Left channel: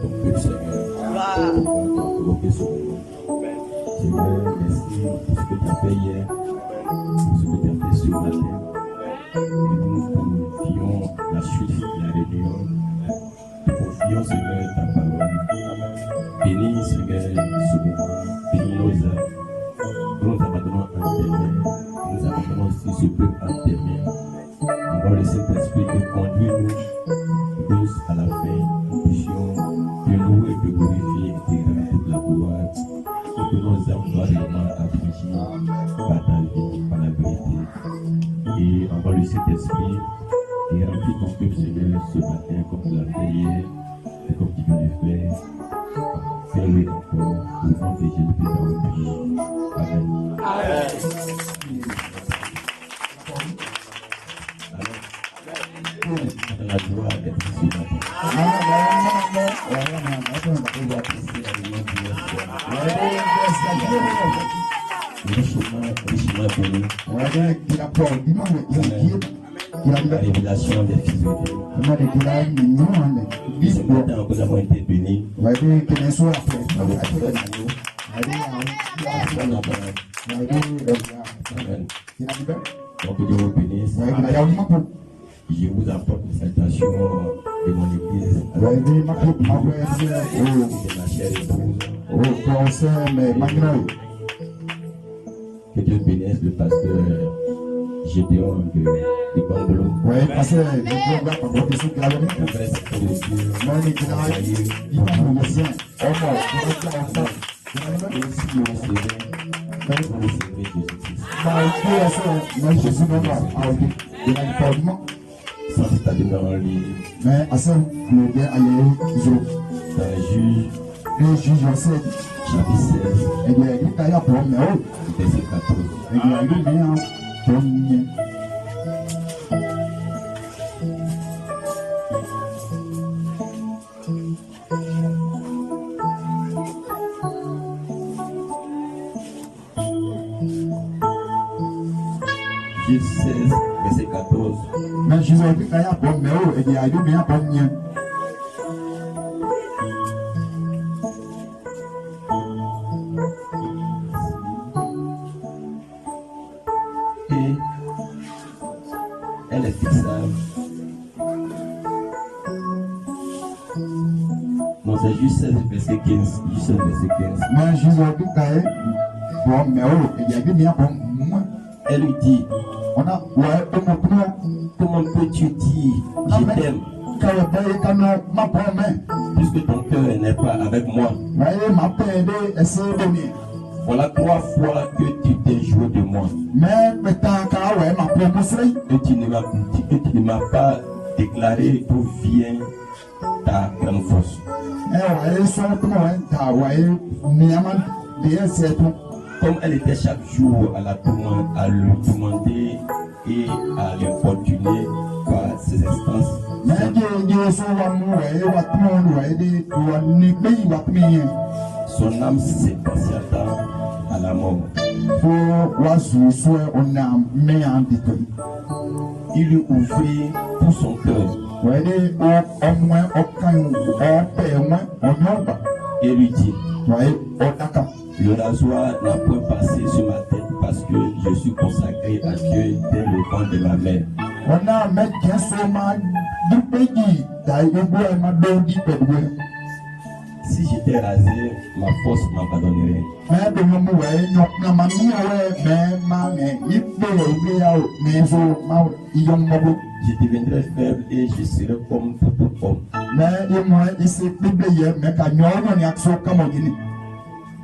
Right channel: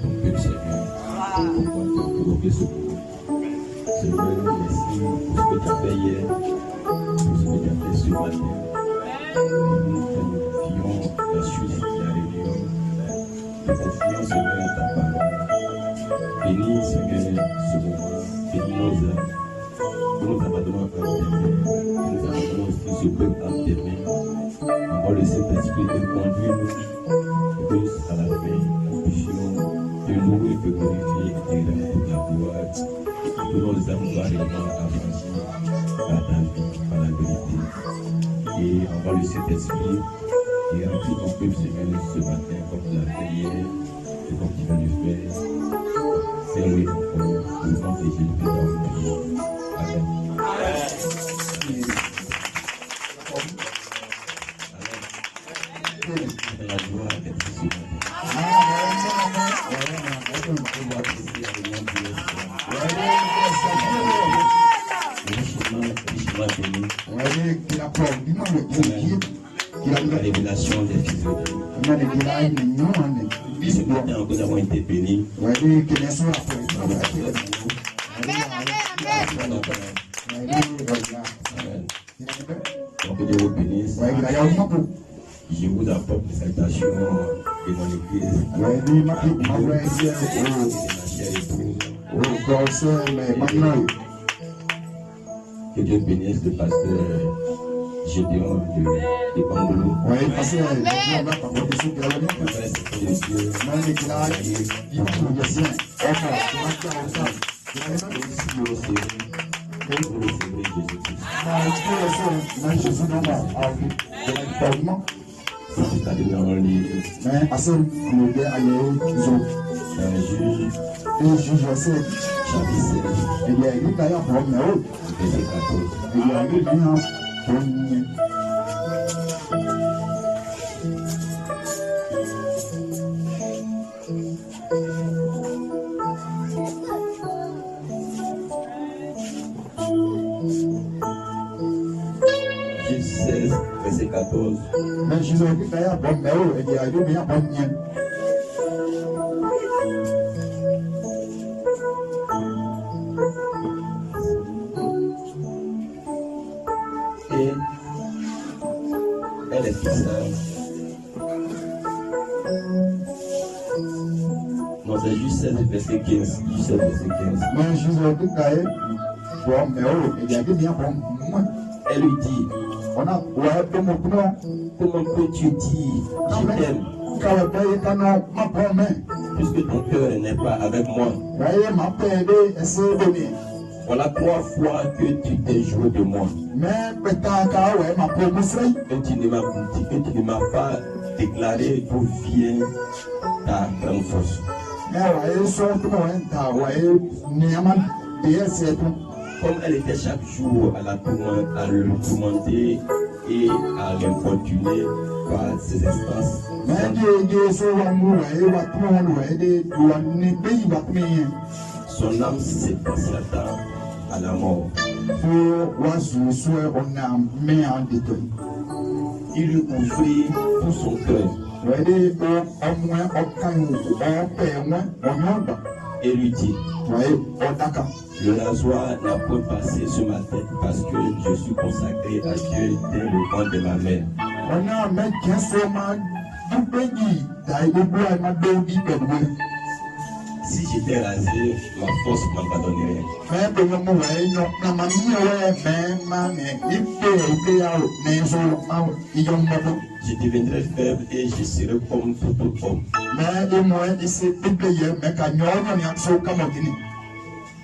ton peuple, Seigneur, pour interroger ce moment. Seigneur, merci pour ce que tu as fait hier, pour ce que tu as fait ce matin. Nous confions la suite de la réunion. Nous confions, Seigneur, ta parole. Bénis, Seigneur, ce moment. Bénis nos âmes. Nous nous abandonnons à tes mains. Nous abandonnons aussi ce peuple à tes mains. Envoie le Saint-Esprit de conduire nous à la fin. Nous puissions te louer et te glorifier et te rendre toute la gloire. Et que nos âmes soient vraiment affranchies par ta vie, par la vérité. Et envoie le Saint-Esprit et remplis ton peuple, Seigneur, ce matin comme tu l'as fait hier et comme tu vas le faire. Fais-le encore au nom de Jésus-Christ. Amen. La joie d'être ce matin. Richement béni. La révélation des fils de Dieu. Ce matin, nous avons été bénis. Donc Dieu vous bénisse. Je vous apporte les salutations de mon église. De ma chère épouse. Que Dieu bénisse le pasteur Gédéon de Bandelou. C'est ta demeure en ligne. Mais à ce moment-là, verset 14. Mais je vais dire qu'il y a bon méo et il y a deux bien bon mien. Et elle est fixable. Non, c'est juste 16 verset 15. Juste 16 verset 15. Mais je vais dire qu'il y a bon méo et il y a deux bien bon mien. Elle lui dit, comment peux-tu dire je t'aime puisque ton cœur n'est pas avec moi? Voilà 3 fois que tu t'es joué de moi. Et tu ne m'as pas déclaré d'où vient ta grande force. Comme elle était chaque jour à le tourmenter et à l'importuner par ses instances. Son âme s'exalta à la mort. Il lui ouvrit tout son cœur et lui dit, le rasoir n'a point passé sur ma tête parce que je suis consacré à Dieu dès le ventre de ma mère. Si j'étais rasé, ma force m'abandonnerait. Je deviendrai faible et je serai comme tout autre homme.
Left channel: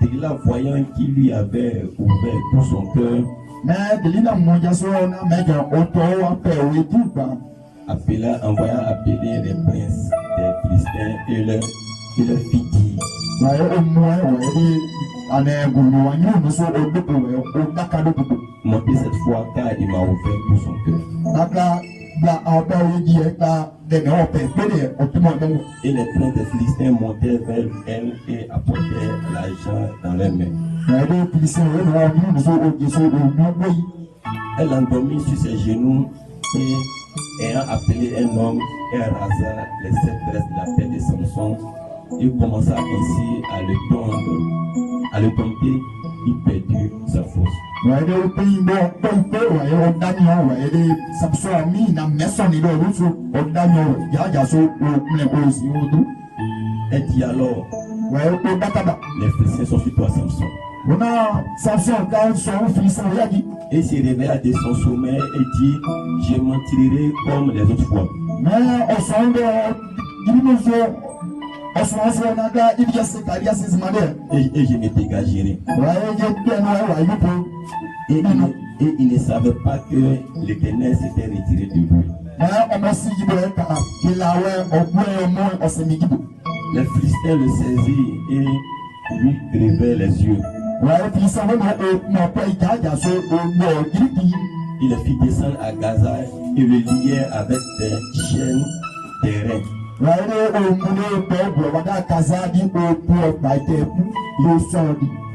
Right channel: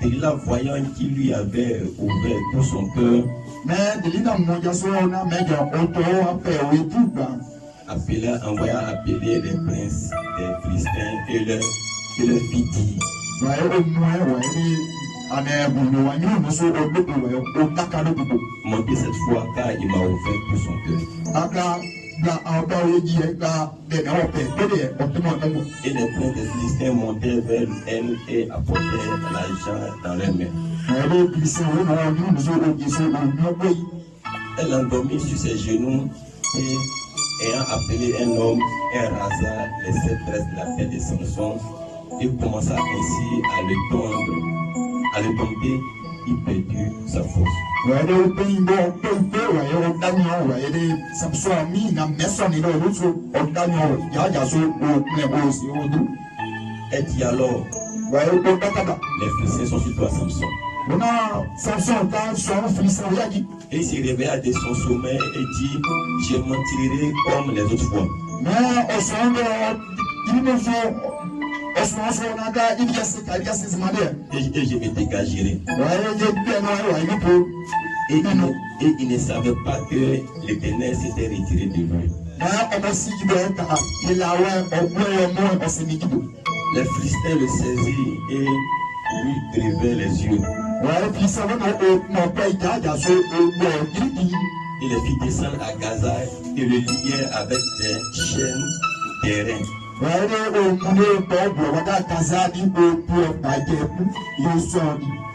Delilah, voyant qu'il lui avait ouvert tout son cœur, envoya appeler les princes des Philistins et leur fit dire, montez cette fois car il m'a ouvert tout son cœur. Et les princes des Philistins montèrent vers elle et apportèrent l'argent dans leurs mains. Elle endormit sur ses genoux et, ayant appelé un homme, elle rasa les 7 tresses de la tête de Samson Il commença ainsi à le tendre, à le tenter, il perdit sa force. Et dit alors, les Philistins sont sur toi, Samson. Et il s'est réveillé de son sommeil et dit, je m'en tirerai comme les autres fois. Et je me dégagerai. Et il ne savait pas que l'Éternel s'était retiré de lui. Les Philistins le saisirent et lui crevaient les yeux. Il les fit descendre à Gaza et le liait avec des chaînes d'airain.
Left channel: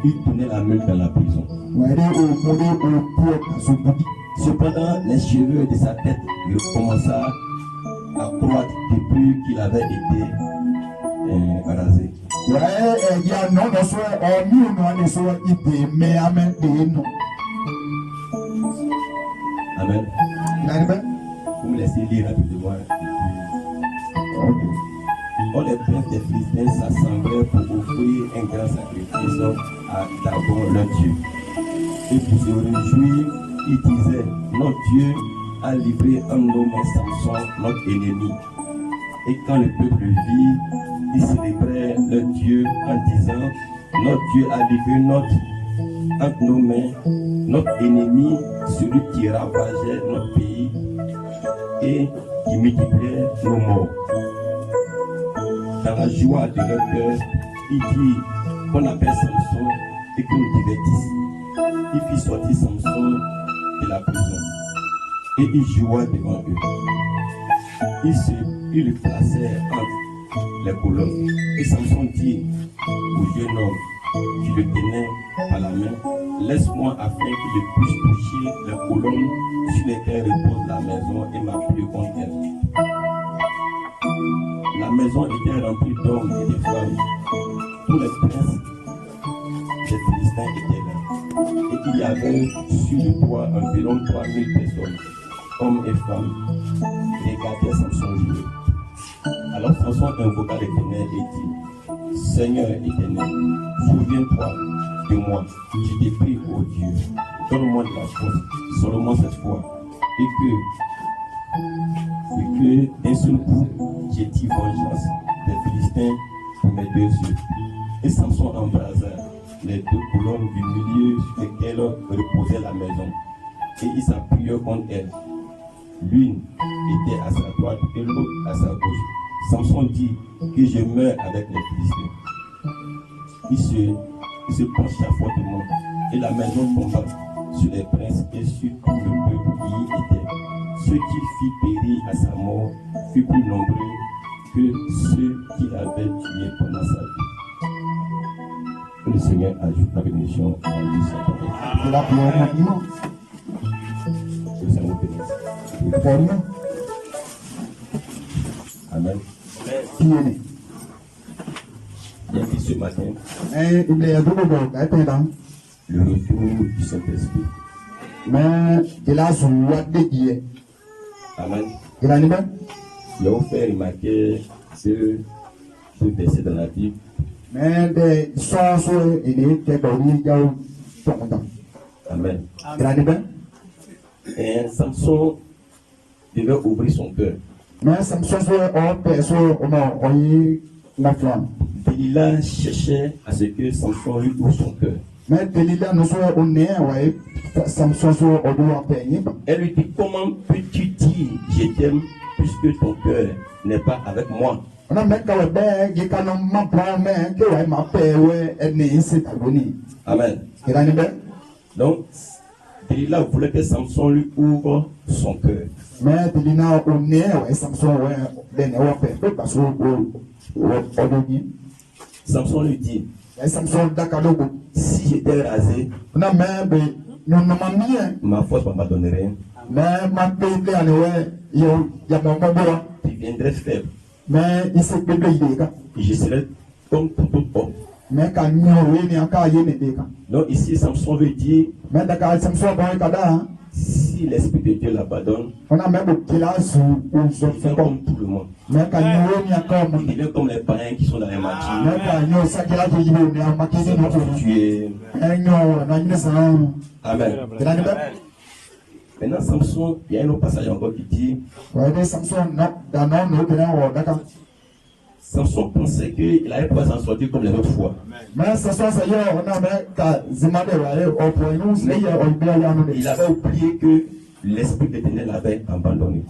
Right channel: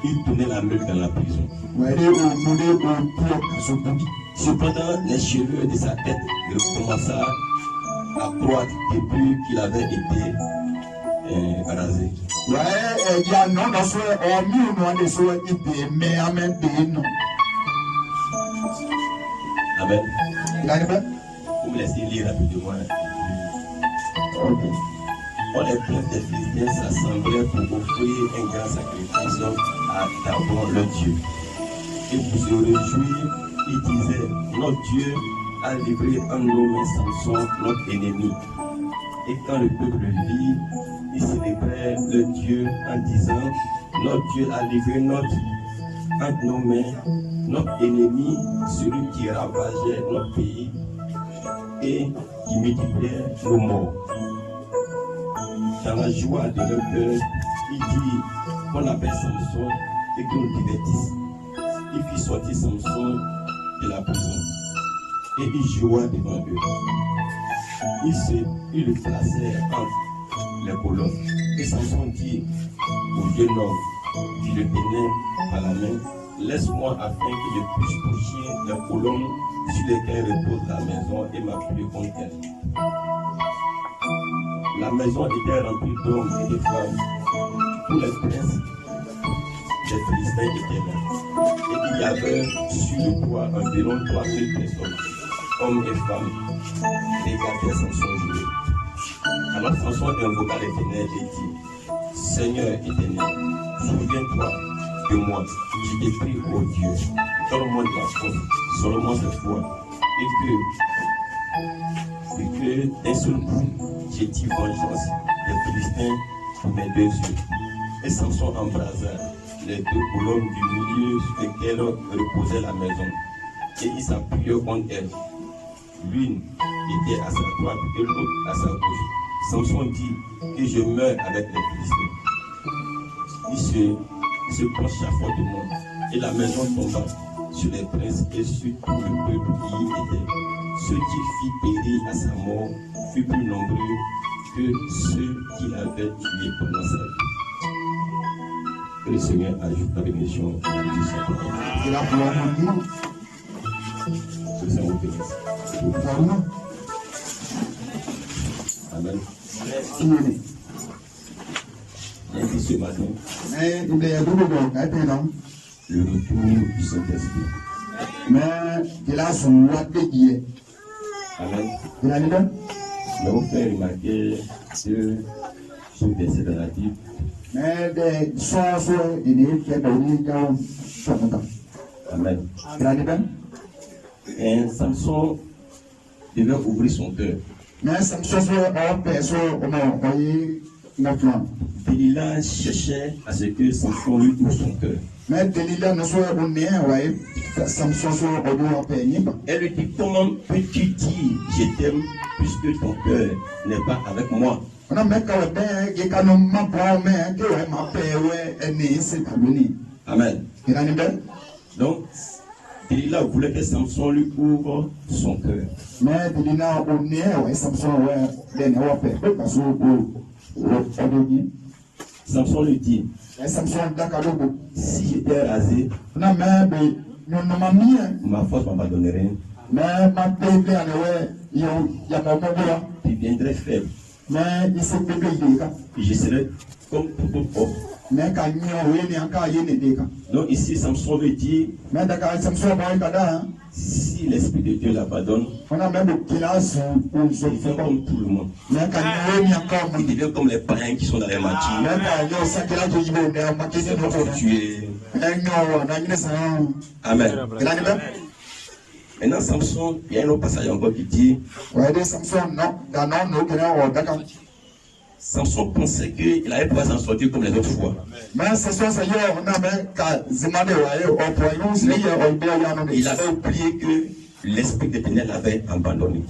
Il tournait la meule dans la prison. Cependant, les cheveux de sa tête recommençaient à croître depuis qu'il avait été rasé. Amen. Vous me laissez lire rapidement. Or les princes des Philistins s'assemblaient pour offrir un grand sacrifice à Dagon, leur Dieu. Et pour se réjouir, ils disaient, notre Dieu a livré un homme Samson, notre ennemi. Et quand le peuple le vit, ils célébraient leur Dieu en disant, notre Dieu a livré entre nos mains, notre ennemi, celui qui ravageait notre pays et qui multipliait nos morts. Dans la joie de leur cœur, il dit qu'on appelle Samson et qu'on le divertisse. Il fit sortir Samson de la prison et il joua devant eux. Ils le placèrent entre les colonnes. Et Samson dit au jeune homme qui le tenait par la main, laisse-moi afin que je puisse toucher les colonnes sur lesquelles repose la maison et m'appuyer contre elle. La maison était remplie d'hommes et de femmes. Tous les princes des Philistins étaient là. Et il y avait sur le toit environ 3000 personnes, hommes et femmes, regardaient Samson jouer. Alors Samson invoqua l'Éternel et dit, Seigneur éternel, souviens-toi de moi. Je t'ai prie, ô Dieu, donne-moi de la force, seulement cette fois, et que d'un seul coup, j'ai dit vengeance des Philistins pour mes 2 yeux. Et Samson embrasa les 2 colonnes du milieu sur lesquelles reposait la maison, et il s'appuyait contre elle. L'une était à sa droite et l'autre à sa gauche. Samson dit que je meurs avec les Philistins. Il se pencha fortement et la maison tomba sur les princes et sur tout le peuple qui y était. Ceux qui fit périr à sa mort furent plus nombreux que ceux qui l'avaient tué pendant sa vie. Que le Seigneur ajoute la bénédiction à la vie de sa parole. Que le Seigneur vous bénisse. Amen. Bien dit ce matin, le retour du Saint-Esprit. Amen. Je vais vous faire remarquer ce verset dans la Bible. Amen. Et Samson devait ouvrir son cœur. Delilah cherchait à ce que Samson lui ouvre son cœur. Elle lui dit, comment peux-tu dire je t'aime puisque ton cœur n'est pas avec moi? Amen. Donc, Delilah voulait que Samson lui ouvre son cœur. Samson lui dit, si j'étais rasé, ma force m'abandonnerait. Tu viendrais faible. mais il s'est payé des cas. Je serai comme tout autre homme. Mais quand nous avons encore des cas. Donc ici, Samson veut dire, Mais d'accord, ça me soit bon, si l'Esprit de Dieu l'abandonne, on a même qui là sous il fait comme tout le monde. mais quand nous avons encore Il devient comme les païens qui sont dans les matchs. mais quand nous sommes là, je dis, mais on m'a dit, Prostitués. Amen. Maintenant, Samson, il y a un autre passage encore qui dit, Samson pensait qu'il allait pouvoir s'en sortir comme les autres fois. Il avait oublié que l'Esprit de Dieu l'avait abandonné.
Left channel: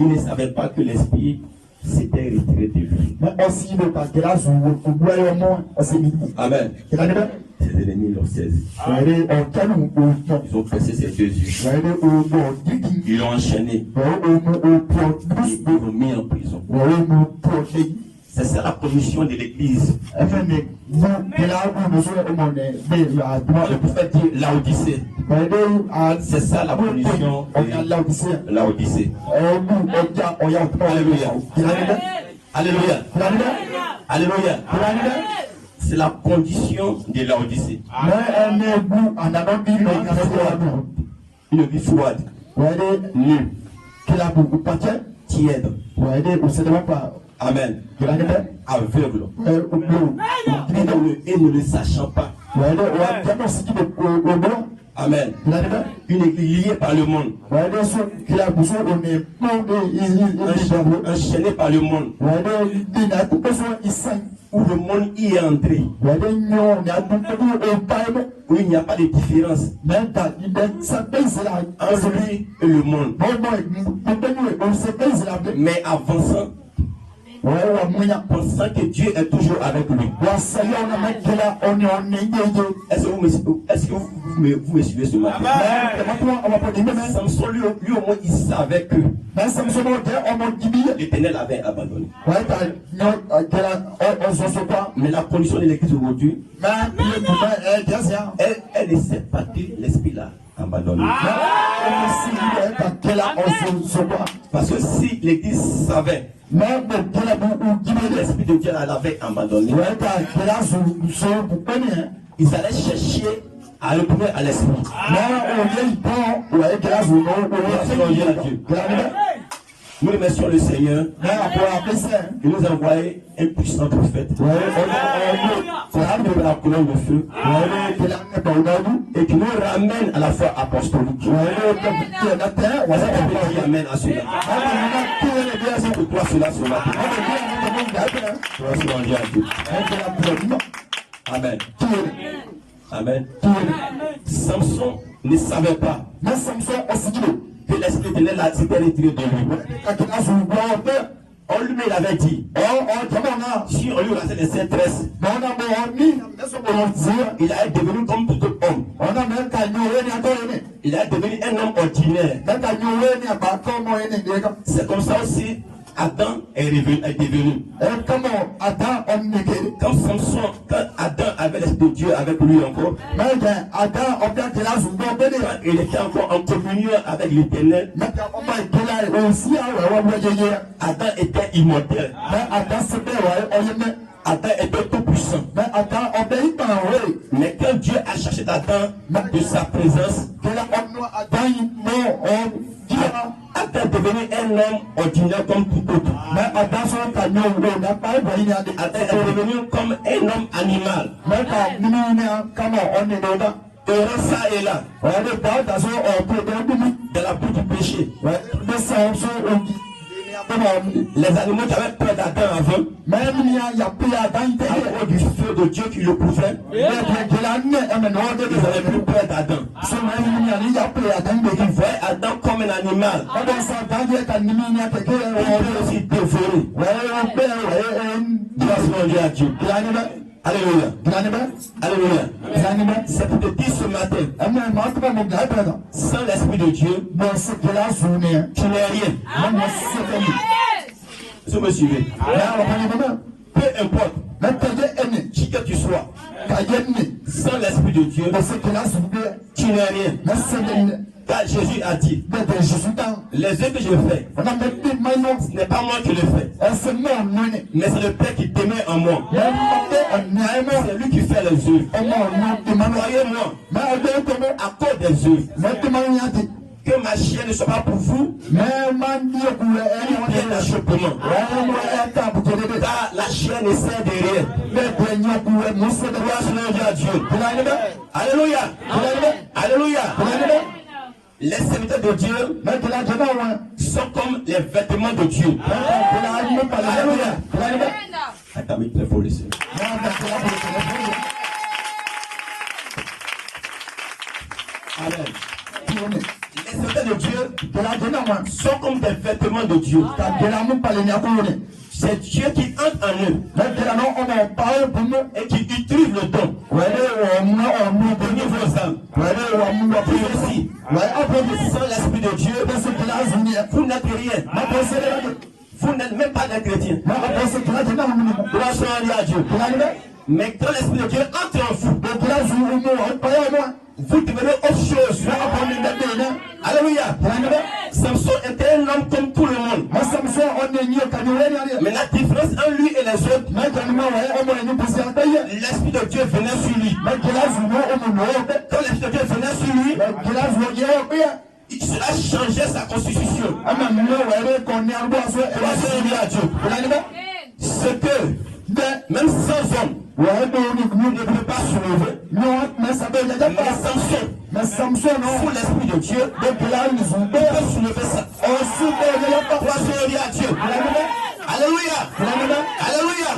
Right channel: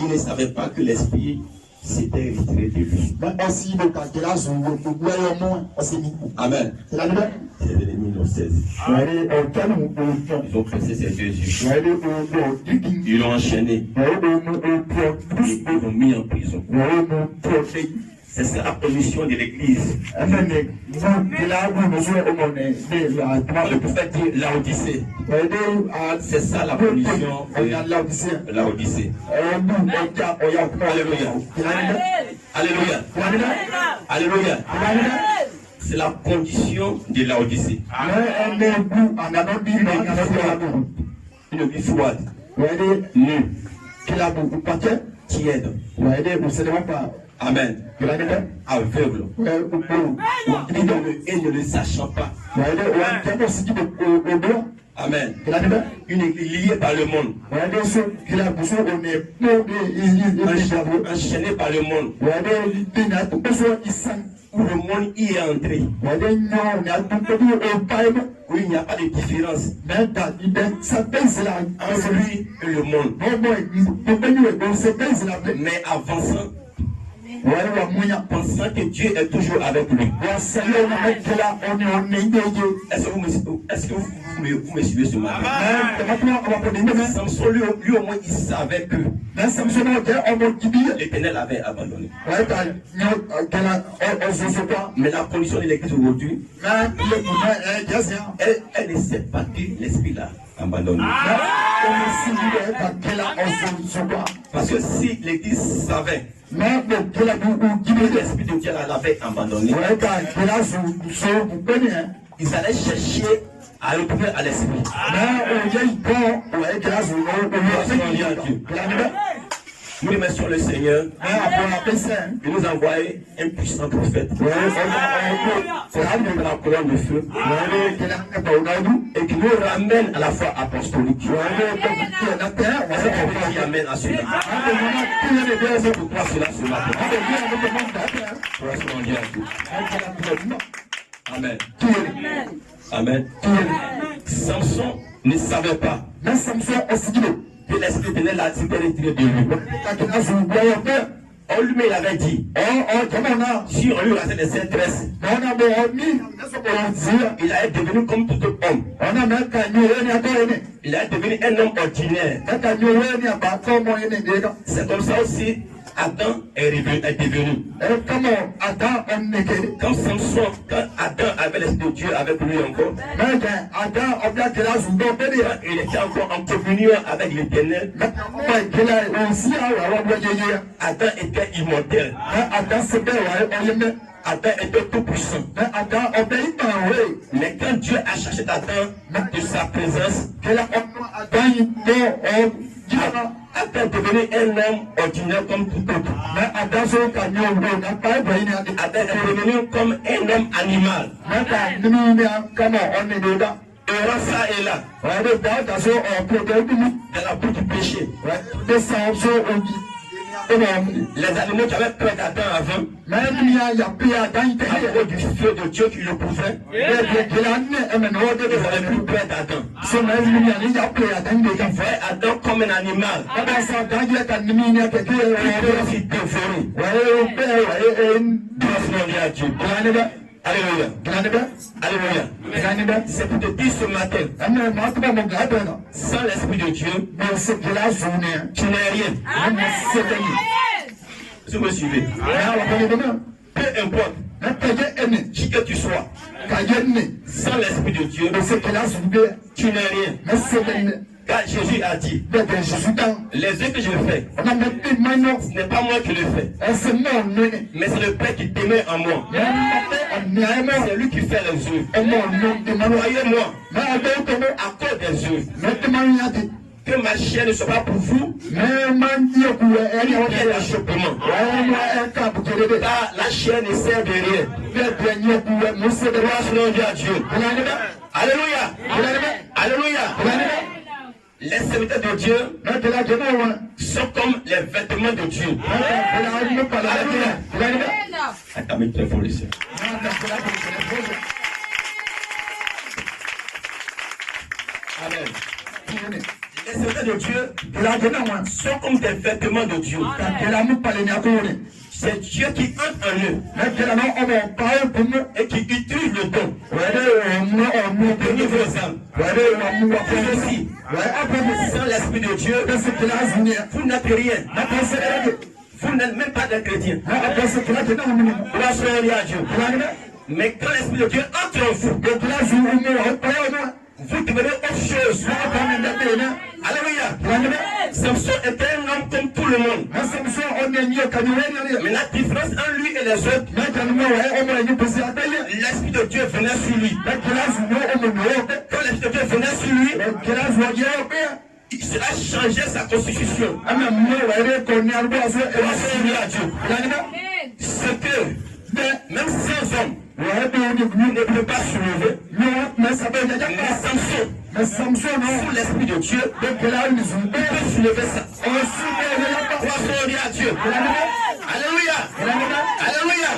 Il ne savait pas que l'Esprit s'était retiré de lui. Amen. Ses ennemis l'ont saisi. Ils ont pressé ses 2 yeux. Ils l'ont enchaîné. Ils l'ont mis en prison. C'est ça la position de l'Église. Le prophète dit Laodicée. C'est ça la position de Laodicée. Alléluia. Alléluia. Alléluia. C'est la condition de Laodicée. Une vie froide, nue, tiède. Amen. Aveugle. Et ne le sachant pas. Amen. Une église liée par le monde. Enchaînée par le monde. Où le monde y est entré. Où il n'y a pas de différence entre lui et le monde. Mais avançant, pensant que Dieu est toujours avec lui. Est-ce que vous me suivez ce matin? Samson, lui au moins, il savait que l'Éternel avait abandonné. Mais la condition de l'Église aujourd'hui, elle ne sait pas que l'Esprit l'a abandonné. Parce que si l'Église savait, l'Esprit de Dieu l'avait abandonné, ils allaient chercher à retourner à l'Esprit. Nous remercions le Seigneur. Il nous a envoyé un puissant prophète. La colonne de feu. Et qui nous ramène à la foi apostolique. Qui amène à cela. Pourquoi cela ce matin? Amen. Amen. Samson ne savait pas que l'Esprit de Dieu s'était retiré de lui. On lui il avait dit, si on lui rasait les tresses, il allait devenir comme tout autre homme. Il allait devenir un homme ordinaire. C'est comme ça aussi Adam est devenu. Quand Samson, quand Adam avait l'Esprit de Dieu avec lui encore, il était encore en communion avec l'Éternel. Adam était immortel. Adam était tout puissant. Mais quand Dieu a cherché Adam de sa présence, Adam est devenu un homme ordinaire comme tout autre. Adam est devenu comme un homme animal. Et ça est là. Dans la boue du péché. Les animaux qui avaient peur d'Adam avant, à cause du feu de Dieu qui le couvrait, ils n'avaient plus peur d'Adam. Ils voyaient Adam comme un animal. Il peut aussi dévorer. Alléluia. Alléluia. C'est pour te dire ce matin, sans l'Esprit de Dieu, tu n'es rien. Si vous me suivez, peu importe qui que tu sois, sans l'Esprit de Dieu, tu n'es rien. Car Jésus a dit, bẹ́ẹ̀ Jésus dans. les œuvres que je fais, On a même plus de maillot. ce n'est pas moi qui le fais, C'est moi, nous. mais c'est le Père qui t'aimait en moi. On est aimé. C'est lui qui fait les œuvres. On est aimé. Croyez-moi, Mais on est aimé. à cause des œuvres, Mais que ma chair ne soit pas pour vous, mais man dit que il y a l'achoppement. Car la chair ne sert de rien. Gloire soit à Dieu. Alléluia. Alléluia. Les serviteurs de Dieu sont comme les vêtements de Dieu. Alléluia. Attends, mais très fort ici. Amen. Les serviteurs de Dieu sont comme des vêtements de Dieu. C'est Dieu qui entre en eux et qui utilise le don de nouvelles âmes. Ici, sans l'Esprit de Dieu, vous n'êtes rien. Vous n'êtes même pas des chrétiens. Gloire soit à Dieu. Mais quand l'Esprit de Dieu entre en vous, vous devenez autre chose. Alléluia. Samson était un homme comme tout le monde. Mais la différence entre lui et les autres, l'Esprit de Dieu venait sur lui. Quand l'Esprit de Dieu venait sur lui, cela changeait sa constitution. Ce que même sans homme ne peut pas soulever. Mais Samson, sous l'Esprit de Dieu, peut soulever ça. Gloire à Dieu. Alléluia. Alléluia.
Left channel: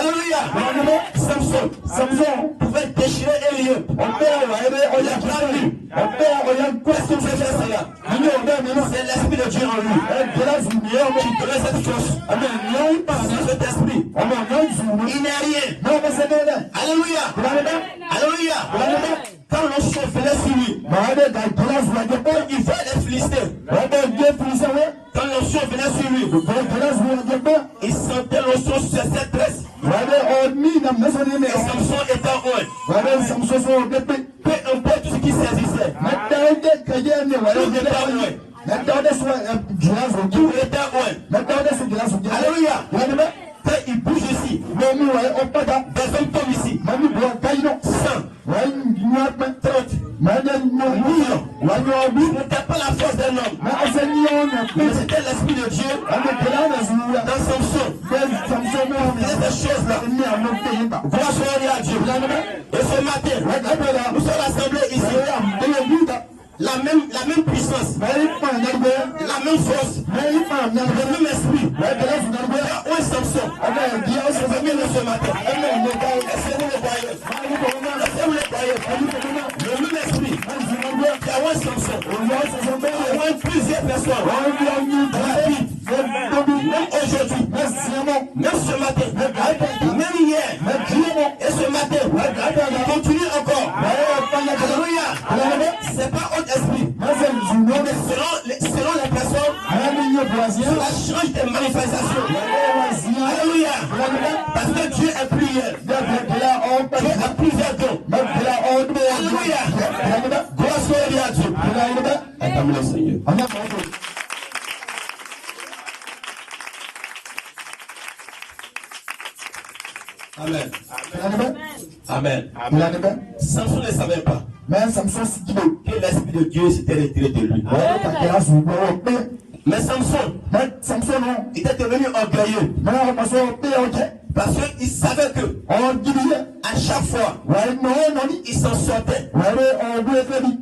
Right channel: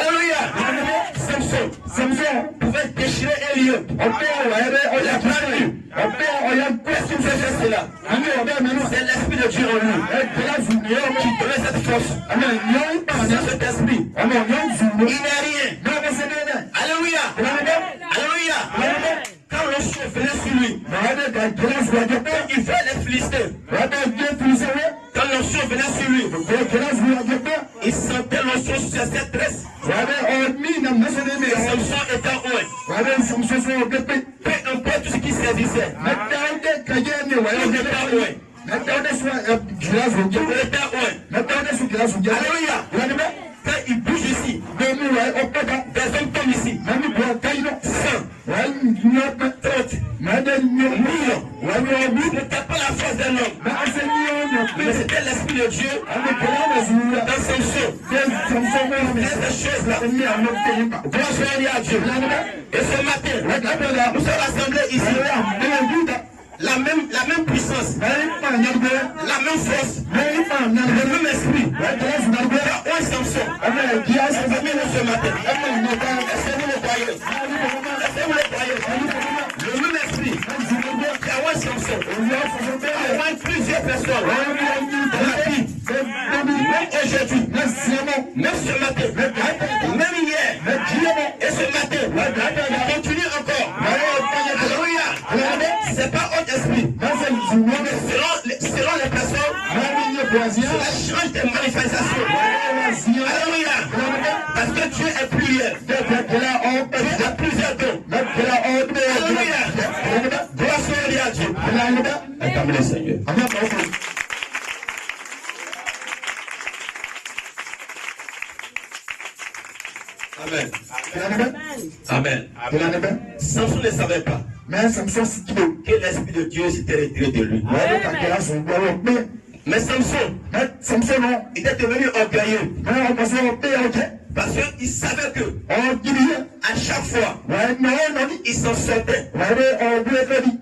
Alléluia. Samson pouvait déchirer un lieu. Il a pas vu. Qu'est-ce que c'est cela? C'est l'Esprit de Dieu en lui qui donnait cette force. Sans cet esprit, il n'est rien. Alléluia. Alléluia. Quand l'onction venait sur lui, il voit les Philistins. Quand l'onction venait sur lui, il sentait l'onction sur ses tresses. Et Samson était en oint. Peu importe tout ce qui saisissait. Alléluia. Quand il bouge ici, des hommes tombent ici. 100, 30, millions. Ce n'était pas la force d'un homme, mais c'était l'Esprit de Dieu dans Samson. Il faisait ces choses-là. Gloire soit à Dieu. Et ce matin, nous sommes rassemblés ici. La même puissance, la même force, le même esprit. Un Samson. Ce matin. Laissez-vous le croyez. Laissez-vous le croyez. Le même esprit. Il y a un Samson. Il y a plusieurs personnes. La vie. Même aujourd'hui. Même ce matin. Même hier. Et ce matin. Il continue encore. Alléluia. C'est pas autre esprit. Mais selon les personnes, cela change des manifestations. Alléluia. Parce que Dieu est plusieurs. Dieu a plusieurs dons. Alléluia. Gloire soit à Dieu. Acclamez le Seigneur. Amen. Amen. Samson ne savait pas que l'Esprit de Dieu s'était retiré de lui. Mais Samson, il était devenu orgueilleux. Parce qu'il savait que à chaque fois, il s'en sortait.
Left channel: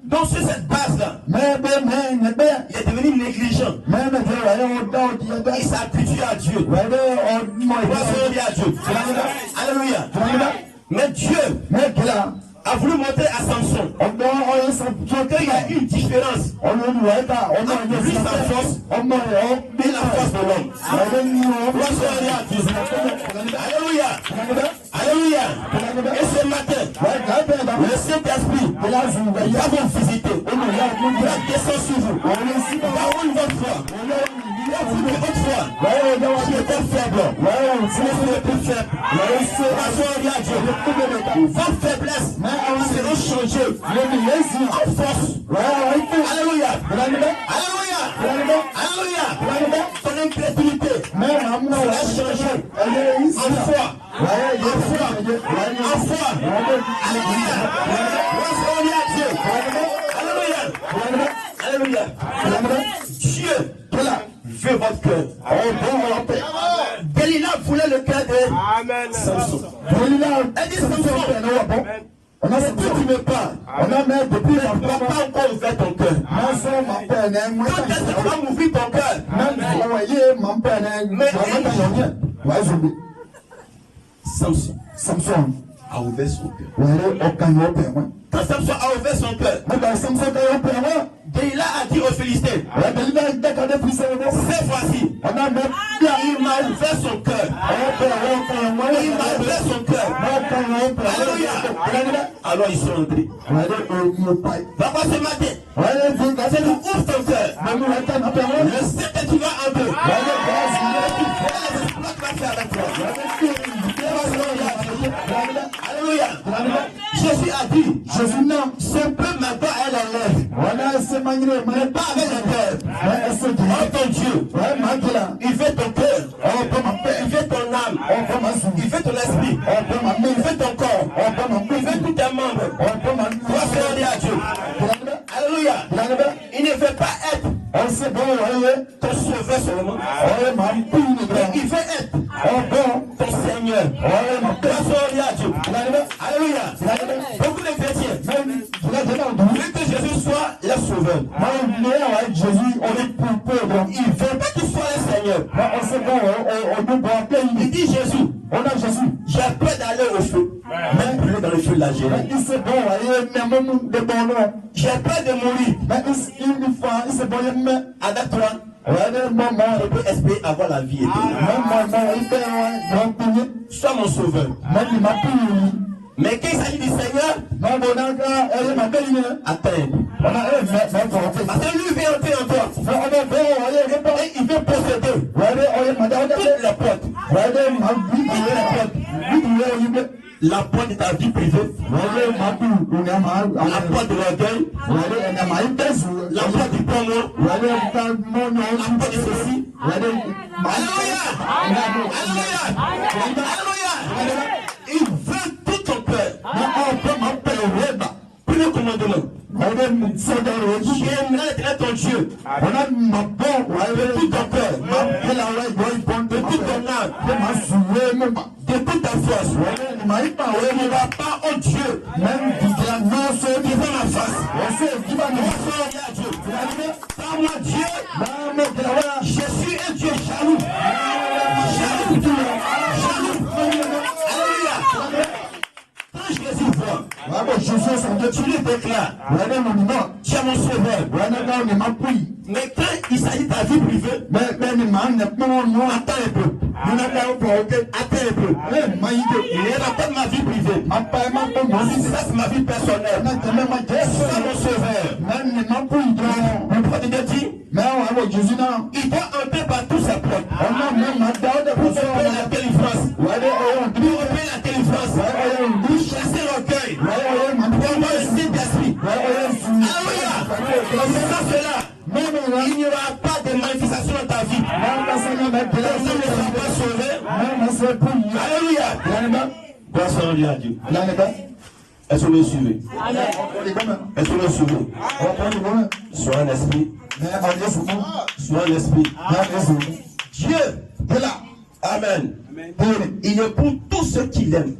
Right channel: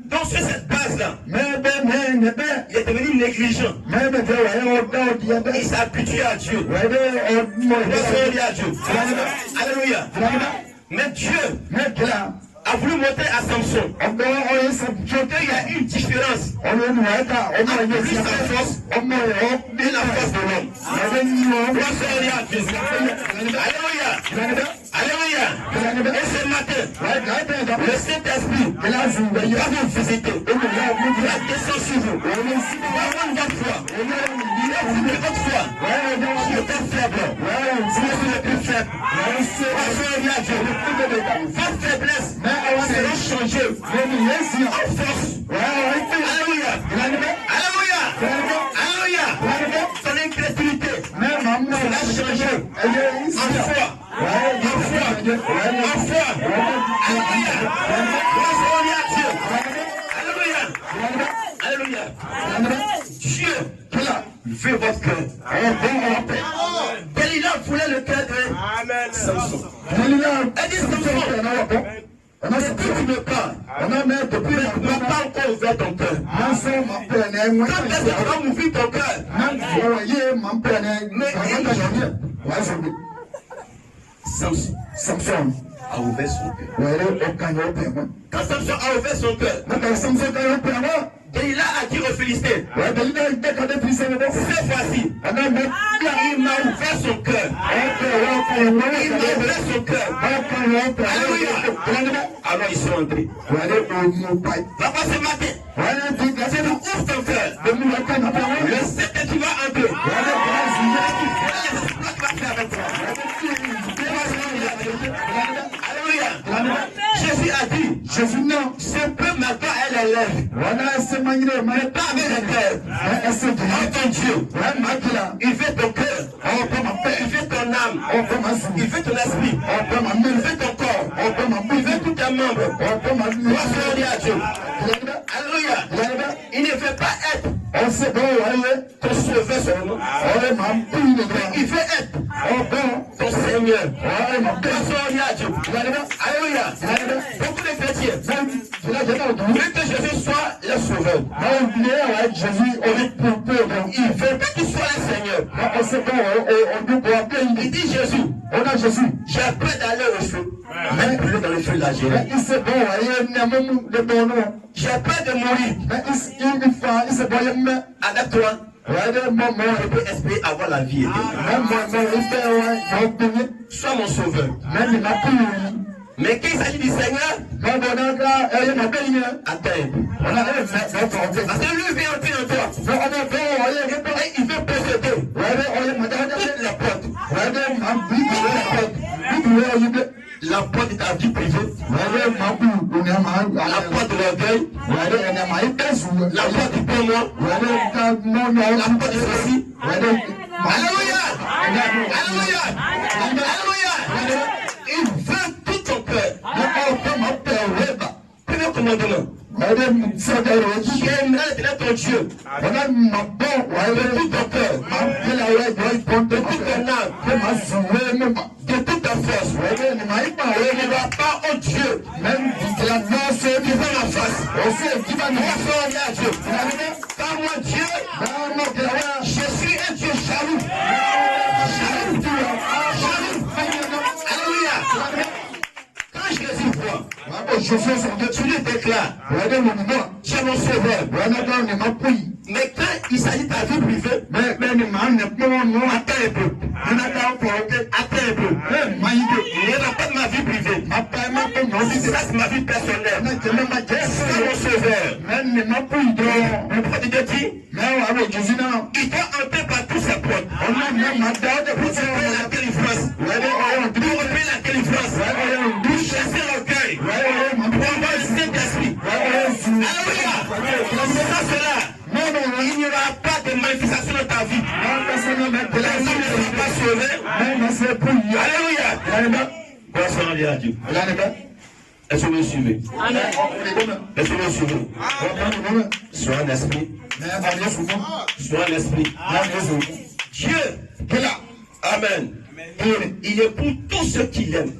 Donc sur cette base-là, il est devenu négligent. Il s'est habitué à Dieu. Alléluia. Mais Dieu a voulu montrer à Samson qu'il y a une différence entre lui, sa force et la force de l'homme. Alléluia. Alléluia. Et ce matin, le Saint-Esprit va vous visiter. Il va descendre sur vous. Il va rendre votre foi. Il va vous dire votre foi. Qui était faible. Vous êtes le plus faible. Votre faiblesse sera changée en force. Alléluia. Alléluia. Alléluia. Ton incrédulité sera changée en foi. En foi. En foi. Alléluia. Gloire à Dieu. Alléluia. Alléluia. Dieu veut votre cœur. Delilah voulait le cœur de Samson. Elle dit Samson, depuis que tu me parles, depuis que tu n'as pas encore ouvert ton cœur. Quand est-ce que tu vas m'ouvrir ton cœur? Samson a ouvert son cœur. Quand Samson a ouvert son cœur, Delilah a dit aux Philistins, cette fois-ci, il m'a ouvert son cœur. Il m'a ouvert son cœur. Alléluia. Alors ils sont entrés. Papa, ce matin, c'est nous ouvre ton cœur. Le sait que tu vas entrer. Les exploits qu'il va faire avec toi. Alléluia. Jésus a dit, c'est peu maintenant elle est lève. Mais pas avec le cœur. Oh ton Dieu, il fait ton cœur, il fait ton âme, il fait ton esprit, il fait ton corps, il fait tous tes membres. Gloire à Dieu. Alléluia. Il ne fait pas être ton sauveur seulement. Il fait être ton Seigneur. Gloire à Dieu. Alléluia. Beaucoup de chrétiens veulent que Jésus soit le sauveur. Il veut pas qu'il soit un Seigneur. Il dit Jésus, j'ai peur d'aller au feu. Même plus dans le feu de la Jérusalem. J'ai peur de mourir. Avec toi, je peux espérer avoir la vie éternelle. Sois mon sauveur. Mais quand il s'agit du Seigneur, attends. Parce que lui vient entrer en toi. Et il veut posséder toutes les portes. La porte de ta vie privée, la porte de l'orgueil, la porte du bon mot, la porte de ceci. Alléluia! Alléluia! Alléluia! Il veut tout ton cœur. Premier commandement. J'aimerais ton Dieu. De tout ton cœur. De toute ton âme. De toute ta force. Ne va pas, oh Dieu. Même devant ma face. Car moi Dieu, je suis un Dieu jaloux. Jaloux. Alléluia. Quand Jésus voit, tu lui déclares, tu es mon sauveur. Mais quand il s'agit de ta vie privée, attends un peu. Attends un peu. Il n'y aura pas de ma vie privée. Ça, c'est ma vie personnelle. C'est mon sauveur. Le prophète de Dieu dit, il doit entrer par tous ses portes. Pour opérer la délivrance. Pour opérer la délivrance. Pour chasser l'orgueil. Pour avoir le Saint-Esprit. Alléluia. Sans cela, il n'y aura pas de manifestation dans ta vie. Personne ne sera pas sauvé. Alléluia. Gloire à Dieu. Est-ce que vous me suivez? Est-ce que vous me suivez? Sois un esprit. Sois un esprit. Dieu est là. Amen. Il est pour tous ceux qui l'aiment.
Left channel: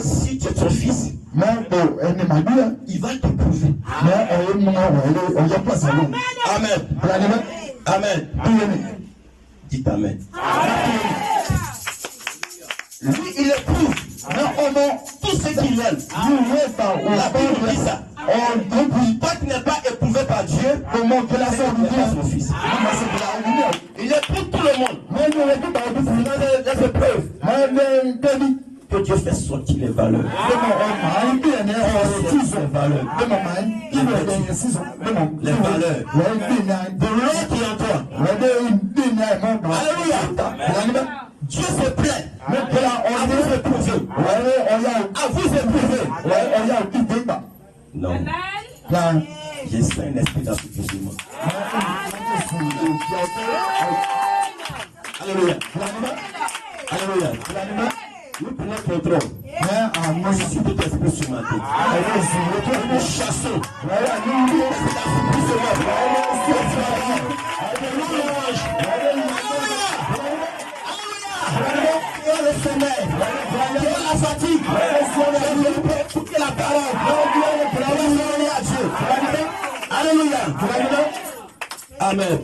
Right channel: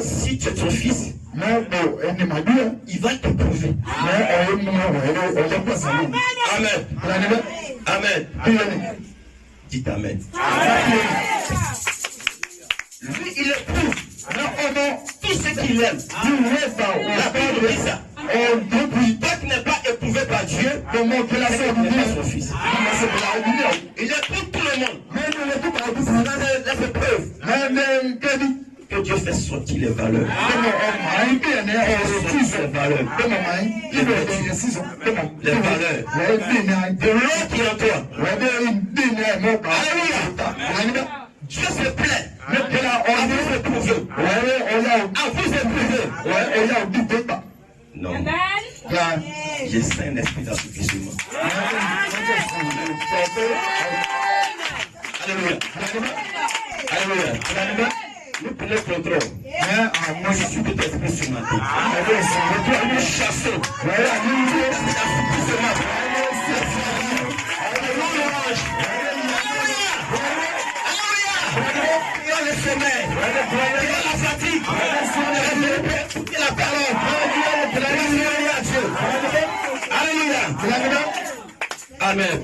Si tu es ton fils, il va t'éprouver. Amen. Amen. Dites Amen. Lui, il éprouve tous ceux qui l'aiment. La Bible dit ça. Toi qui n'es pas éprouvé par Dieu, comment que la sorte n'est pas son fils. Il éprouve tout le monde. C'est une épreuve. Que Dieu fait sortir les valeurs. Les valeurs. De l'eau qui est en toi. Alléluia. Alléluia. Alléluia. Nous prenons contrôle. Moi, je suis peut-être esprit sur ma tête. Nous chassons. Le sommeil, la fatigue, écoutez la parole, alléluia. Amen.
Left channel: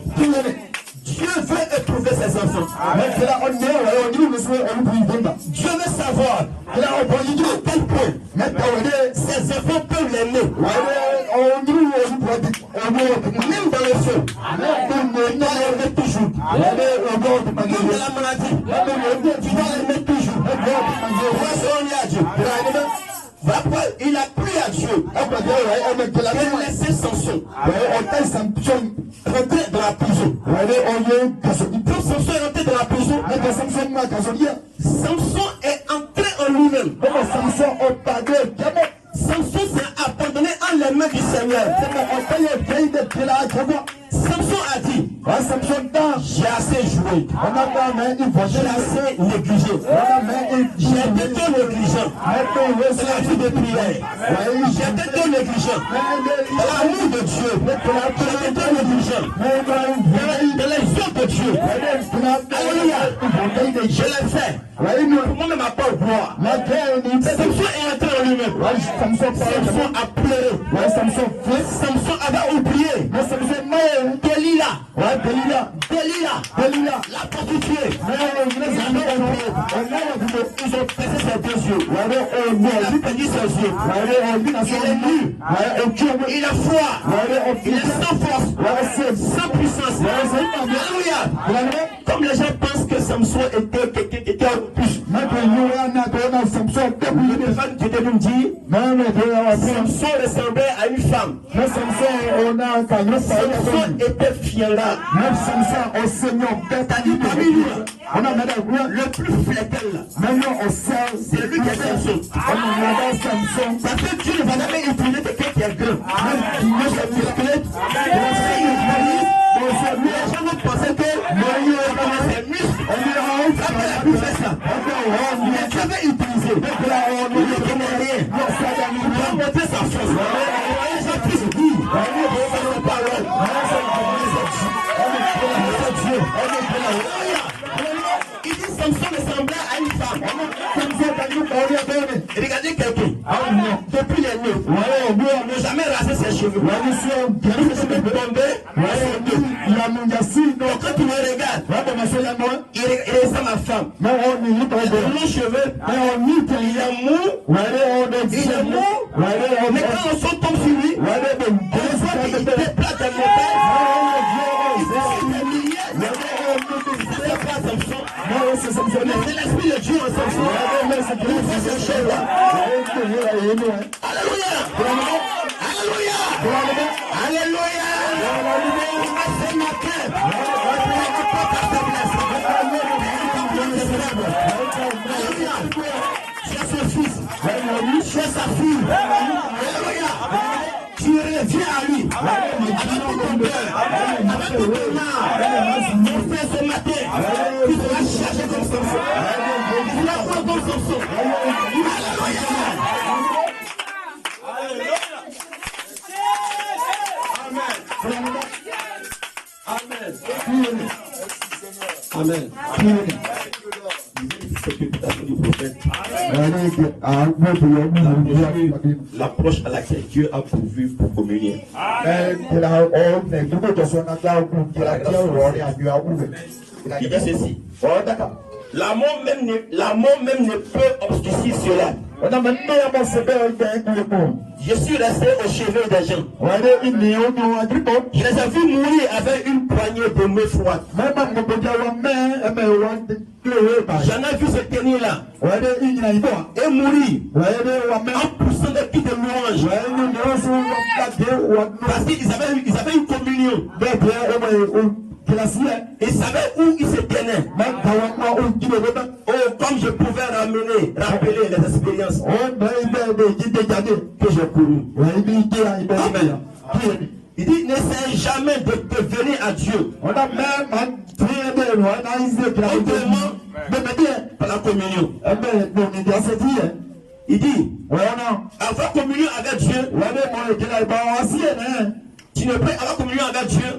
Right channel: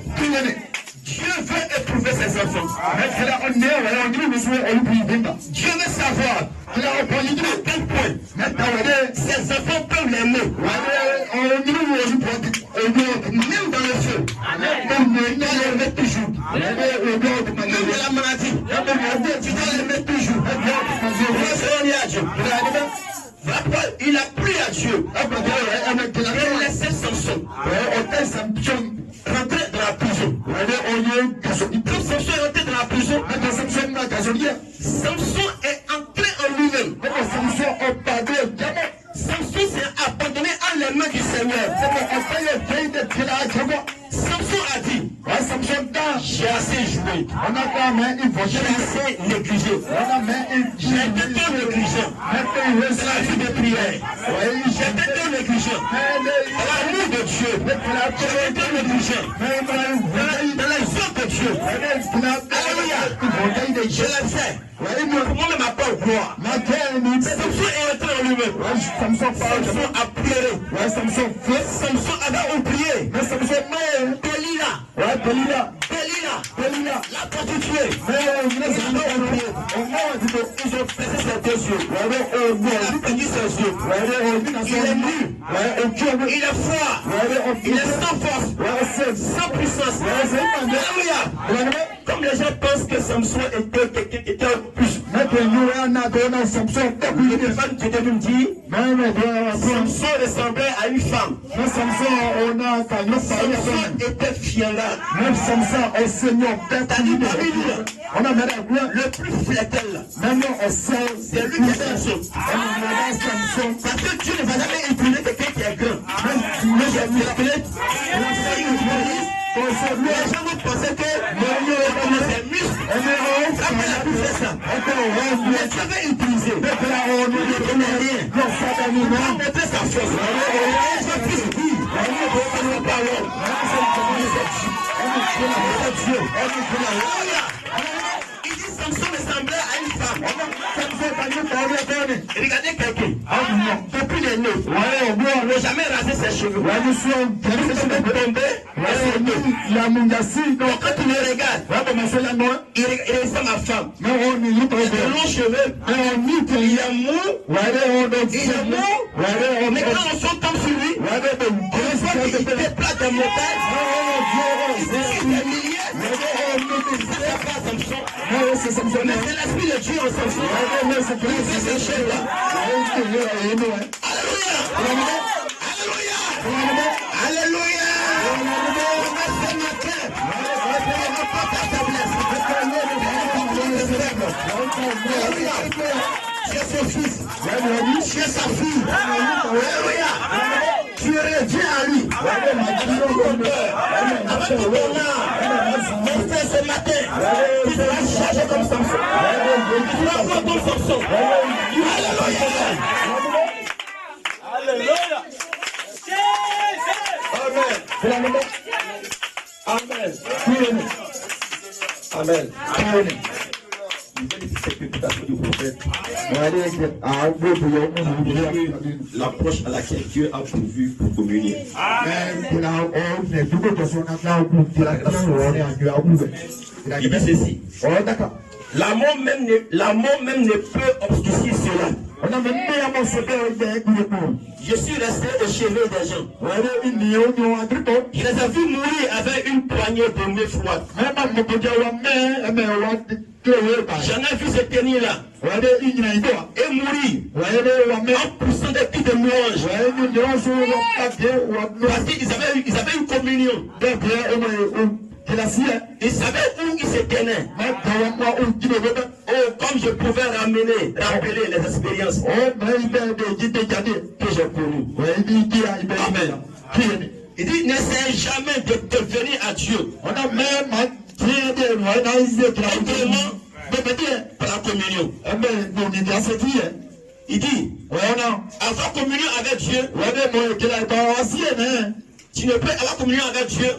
Dieu veut éprouver ses enfants. Dieu veut savoir à quel point ses enfants peuvent l'aimer. Même dans le feu, il doit l'aimer toujours. Même dans la maladie, tu dois l'aimer toujours. Il a plu à Dieu. Il a laissé Samson rentrer dans la prison. Quand Samson est rentré dans la prison, Samson est entré en lui-même. Samson s'est abandonné en les mains du Seigneur. Samson a dit, j'ai assez joué, j'ai assez négligé, j'étais trop négligent dans la vie de prière, j'étais trop négligent dans l'amour de Dieu, j'étais trop négligent dans les œuvres de Dieu. Alléluia, je l'ai fait. Comment ne m'a pas gloire? Samson est entré en lui-même. Samson a pleuré. Samson avait oublié. Delilah, la prostituée. Ils ont percé ses deux yeux. Elle a perdu ses yeux. Il est nu. Il est froid. Il est sans force. Sans puissance. Alléluia. Comme les gens pensent que Samson était quelqu'un qui était un plus. Samson ressemblait à une femme. Samson était fiera. Le plus flétel, c'est lui qui est Samson. Parce que Dieu ne va jamais utiliser quelqu'un qui est grand. Les gens vont penser que c'est muscle. On n'a plus fait ça. Mais Dieu veut utiliser. Il ne connaît rien. Il va montrer sa force. Il va plus dire. C'est nos paroles. C'est Dieu. Il dit Samson ressemblait à une femme. Regardez quelqu'un. Depuis les nœuds. Il n'a jamais rasé ses cheveux. Ses cheveux tombés. Quand tu le regardes, il ressemble à femme. Il a des longs cheveux. Il est mou. Mais quand on s'en tombe sur lui, on voit qu'il déplace des montagnes. Il décide des milliers. C'est pas Samson. C'est l'esprit de Dieu en Samson. Il fait ces choses-là. Alléluia. Alléluia. Alléluia. Ce matin, c'est son fils, c'est sa fille. Alléluia. Tu reviens à lui. Avec tout ton cœur, avec tout ton âme. Mon frère, ce matin, tu seras chargé comme Samson. Tu seras comme Samson. Alléluia. Amen. Amen. Amen. L'approche à laquelle Dieu a pourvu pour communier. Il dit ceci. L'amour même ne peut obscurcir cela. Je suis resté au chevet des gens. Je les ai vus mourir avec une poignée de main froide. J'en ai vu se tenir là et mourir en poussant des cris de louange. Parce qu'ils avaient une communion. Ils savaient où ils se tenaient. Oh, comme je pouvais rappeler les expériences que j'ai connues. Amen. Il dit, n'essaie jamais de devenir à Dieu. On a même Autrement, par la communion. Il dit, avoir communion avec Dieu, tu ne peux avoir communion avec Dieu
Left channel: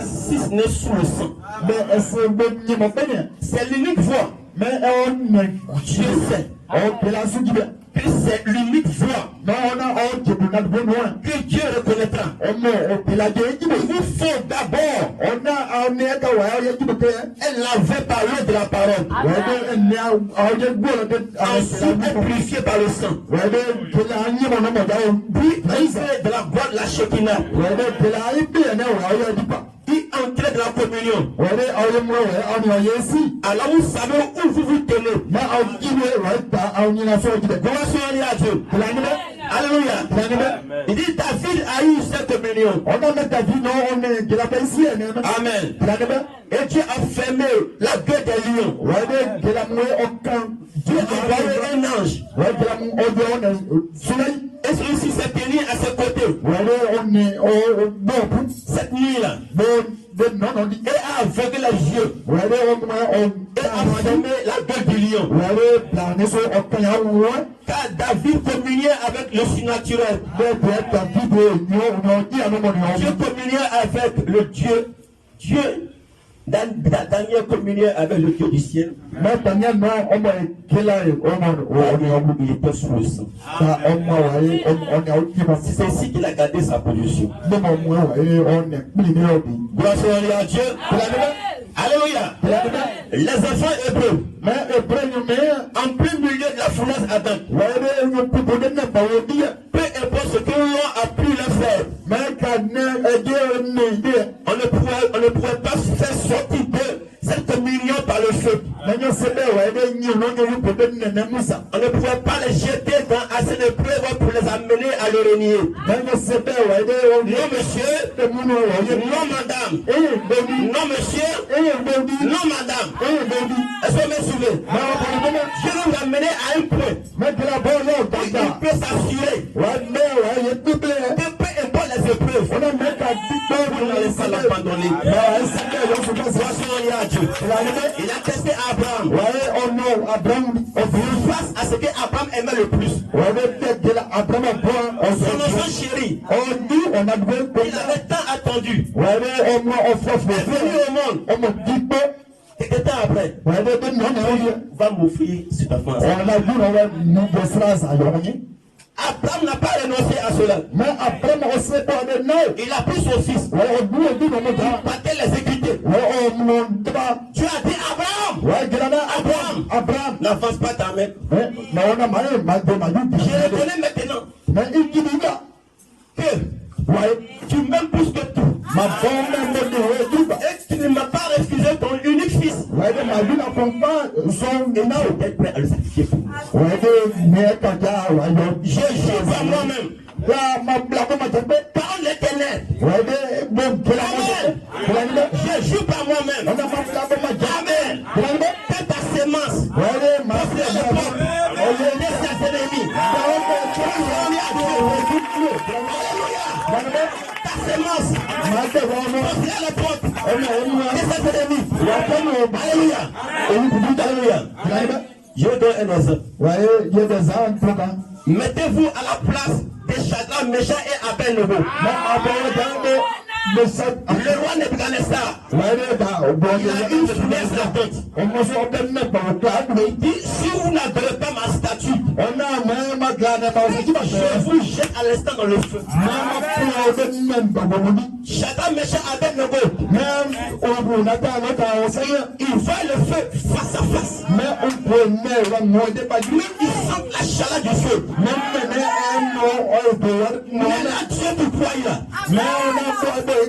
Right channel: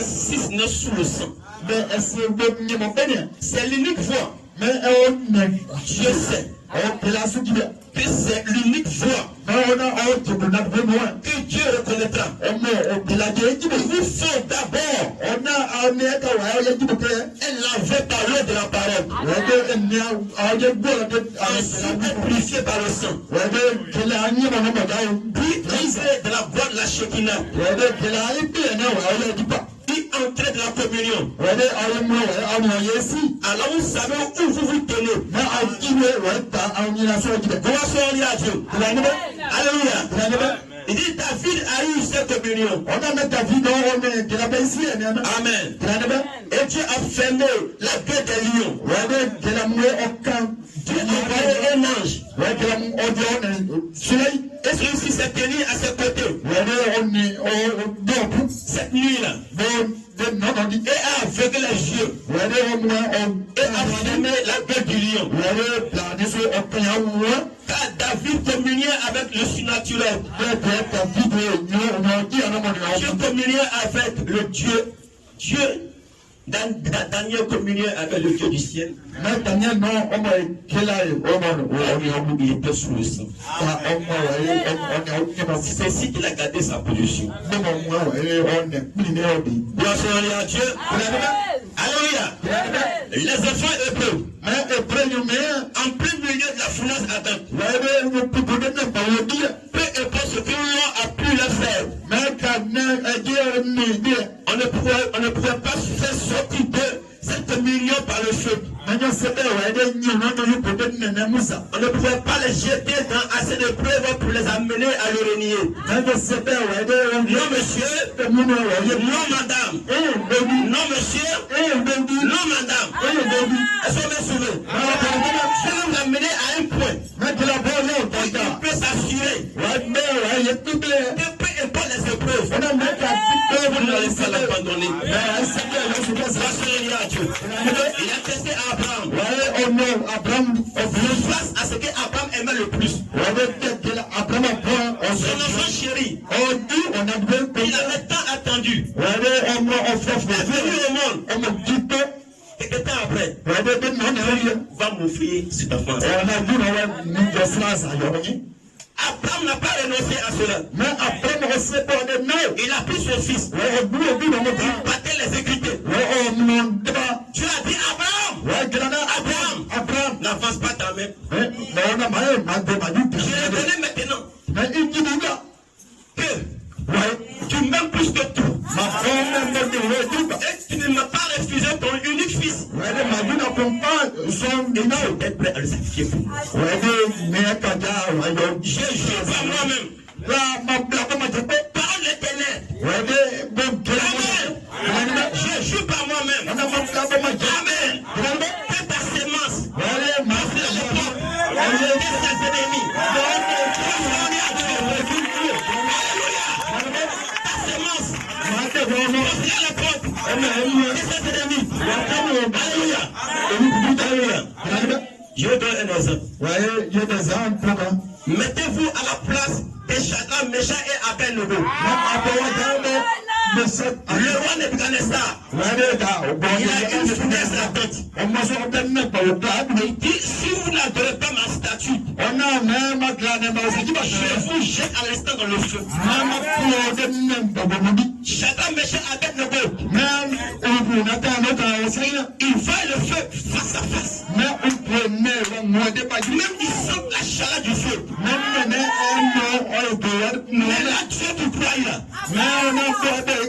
si ce n'est sous le sang. C'est l'unique voie. Dieu sait que c'est l'unique voie que Dieu reconnaîtra. Il vous faut d'abord laver par l'eau de la parole. Ensuite, purifié par le sang. Puis, de la voie de la Shekinah. Puis, entrer dans la communion. Alors, vous savez où vous vous tenez. Comment soyez à Dieu. Alléluia. Il dit, David a eu cette communion. Amen. Et Dieu a fermé la gueule des lions. Dieu a envoyé un ange. Et celui-ci s'est tenu à ses côtés. Cette nuit-là. Et a aveuglé les yeux. Et a fermé la gueule du lion. Car David communiait avec le surnaturel. Dieu communiait avec le Dieu. Daniel communiait avec le Dieu du ciel. Mais Daniel, non, il était sous le sang. C'est ainsi qu'il a gardé sa position. Gloire à Dieu. Alléluia. Les enfants hébreux, en plein milieu de la fournaise ardente, peu importe ce que l'on a pu leur faire, on ne pouvait pas faire sortir de cette communion par le feu. On ne pouvait pas les jeter dans assez de preuves pour les amener à le renier. Non monsieur, non madame, non monsieur, non madame. Est-ce qu'on est soulevé? Je vais vous amener à un point. Il peut s'assurer. Peu importe les épreuves, vous ne laissez pas l'abandonner. Il a testé Abraham. Face à ce qu'Abraham aimait le plus. Son enfant chéri. Il avait tant attendu. Il est venu au monde. Quelque temps après, va m'offrir cet enfant. Abraham n'a pas renoncé à cela. Il a pris son fils. Il battait les équités. Tu as dit Abraham, n'avance pas ta main. Je vais donner maintenant que tu m'aimes plus que tout. Et tu ne m'as pas refusé ton unique fils. J'étais prêt à le sacrifier pour moi. Je jure par moi-même. Parole l'éternel. Amen. Je jure par moi-même. Amen. Fais ta sémence. Fais les portes. Laisse ses ennemis. Alléluia. Ta sémence. Fais les portes. Laisse ses ennemis. Alléluia. Je donne un exemple. Mettez-vous à la place de Shadrach, Meshach et Abednego. Le roi Nebuchadnezzar, il a une fournaise ardente. Il dit, si vous n'adorez pas ma statue, je vous jette à l'instant dans le feu. Shadrach, Meshach, Abednego, il voit le feu face à face. Même ils sentent la chaleur du feu. Mais là, Dieu tout croit là.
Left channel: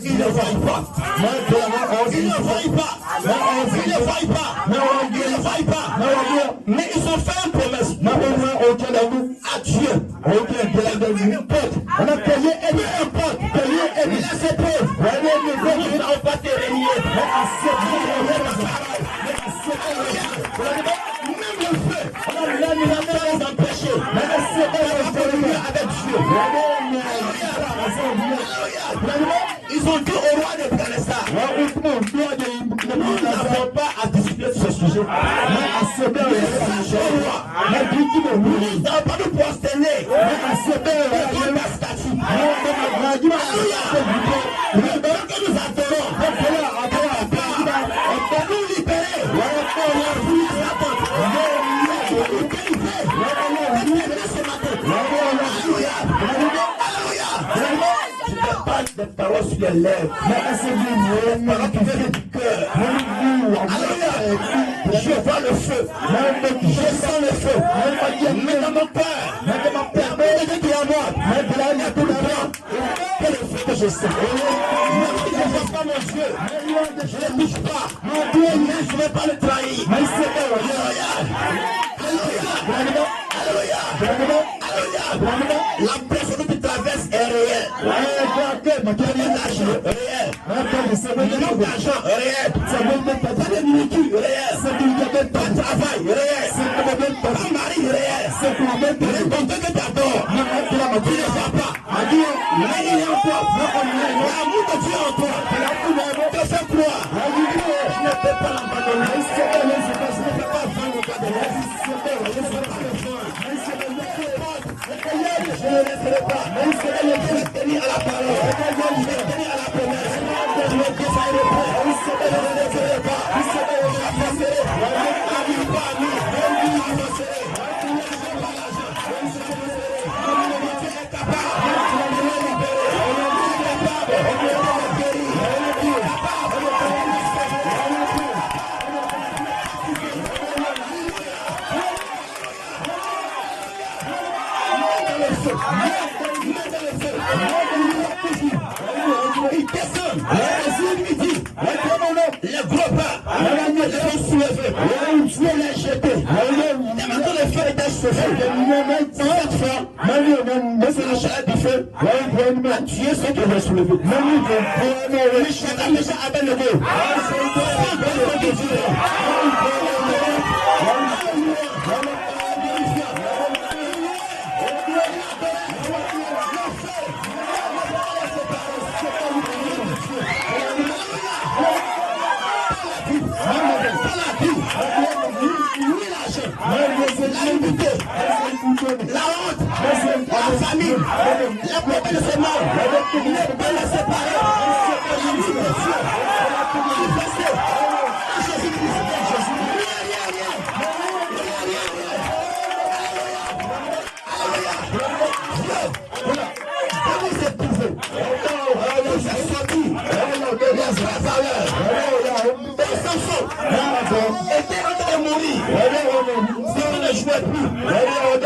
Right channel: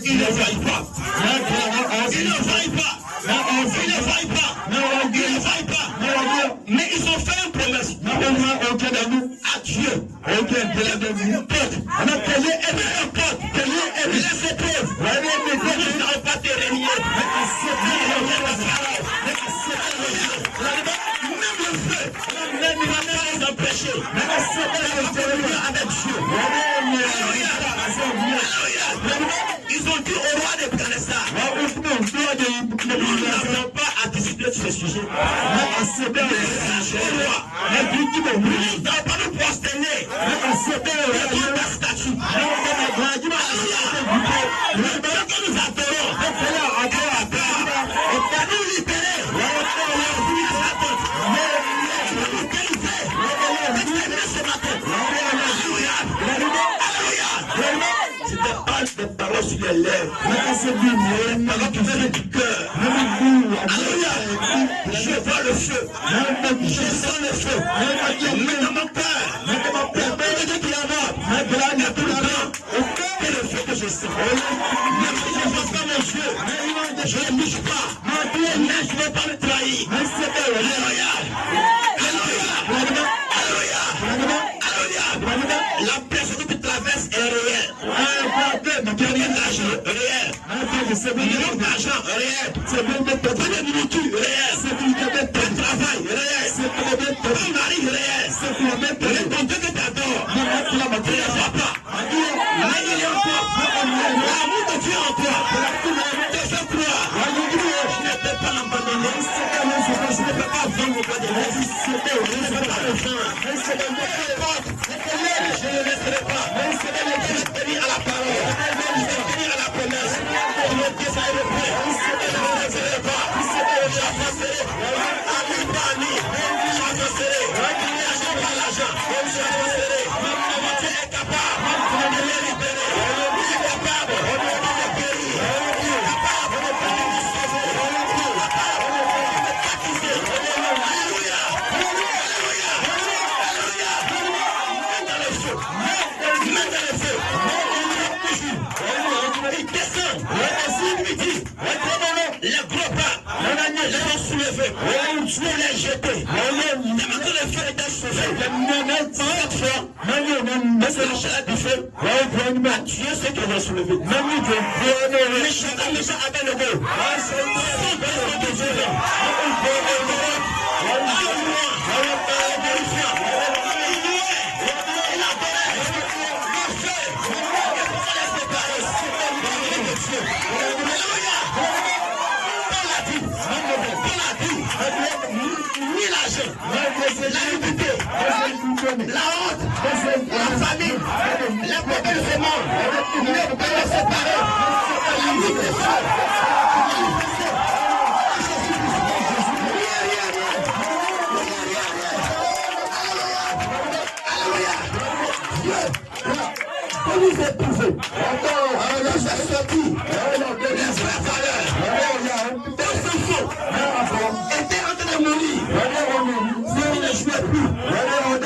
Il ne vaille pas. Il ne vaille pas. Il ne vaille pas. Il ne vaille pas. Mais ils ont fait une promesse à Dieu. On a payé un pote. Les épreuves. Nous n'avons pas te régner. Même le feu. Même il va pas les empêcher. Avec Dieu. nous n'avons pas à discuter de ce sujet. Nous n'avons pas de prosterner. Nous n'avons pas statut. Que nous adorons. Nous libérer. Je te parle des paroles sur les lèvres. Les paroles qui viennent du cœur. Alléluia. Je vois le feu. Je sens le feu. Mais dans mon cœur. Permets-moi de l'amour. Maintenant, tout le temps. Que le feu que je sens. Même si je ne vois pas mes yeux. Je ne bouge pas. Mais je ne vais pas le trahir. Alléluia. Alléluia. Alléluia. La personne qui traverse est réelle. Combien d'argent réel. Millions d'argent réel. Pas de nourriture réel. Pas de travail réel. Pas de mari réel. Ton Dieu que tu adores. Tu ne les vois pas. L'année en toi. L'amour de Dieu en toi. Te fait croire. Je ne peux pas l'abandonner. Je ne peux pas vendre le pas de l'eau. Je ne peux pas le vendre. Je ne laisserai pas. Je tenir à la parole. Je tenir à la promesse. Je ne défaillerai pas. Je ne laisserai pas. J'avancerai. Ami pas ami. J'avancerai. L'argent par l'argent. J'avancerai. Dieu est capable. Il est libéré. Il est capable. Il est guéri. Il est capable. Il est sauvé. Il est capable. Il est baptisé. Alléluia. Dans le feu. Mets dans le feu. Il descend. Il dit. Les gros pas. Les gens soulevés. Dieu les jetés. Maintenant le feu était sauvé. Cette fois, c'est la chaleur du feu. Dieu sait qu'il va soulever. Les chanteurs déjà avec le mot. La honte, la famille, la paix de ce monde, ne pas les séparer. La vie de Dieu, manifestée à Jésus-Christ. Pour vous éprouver, vous êtes sortis les vraies valeurs. Dans son fond, était en train de mourir. Si on ne jouait plus, on ne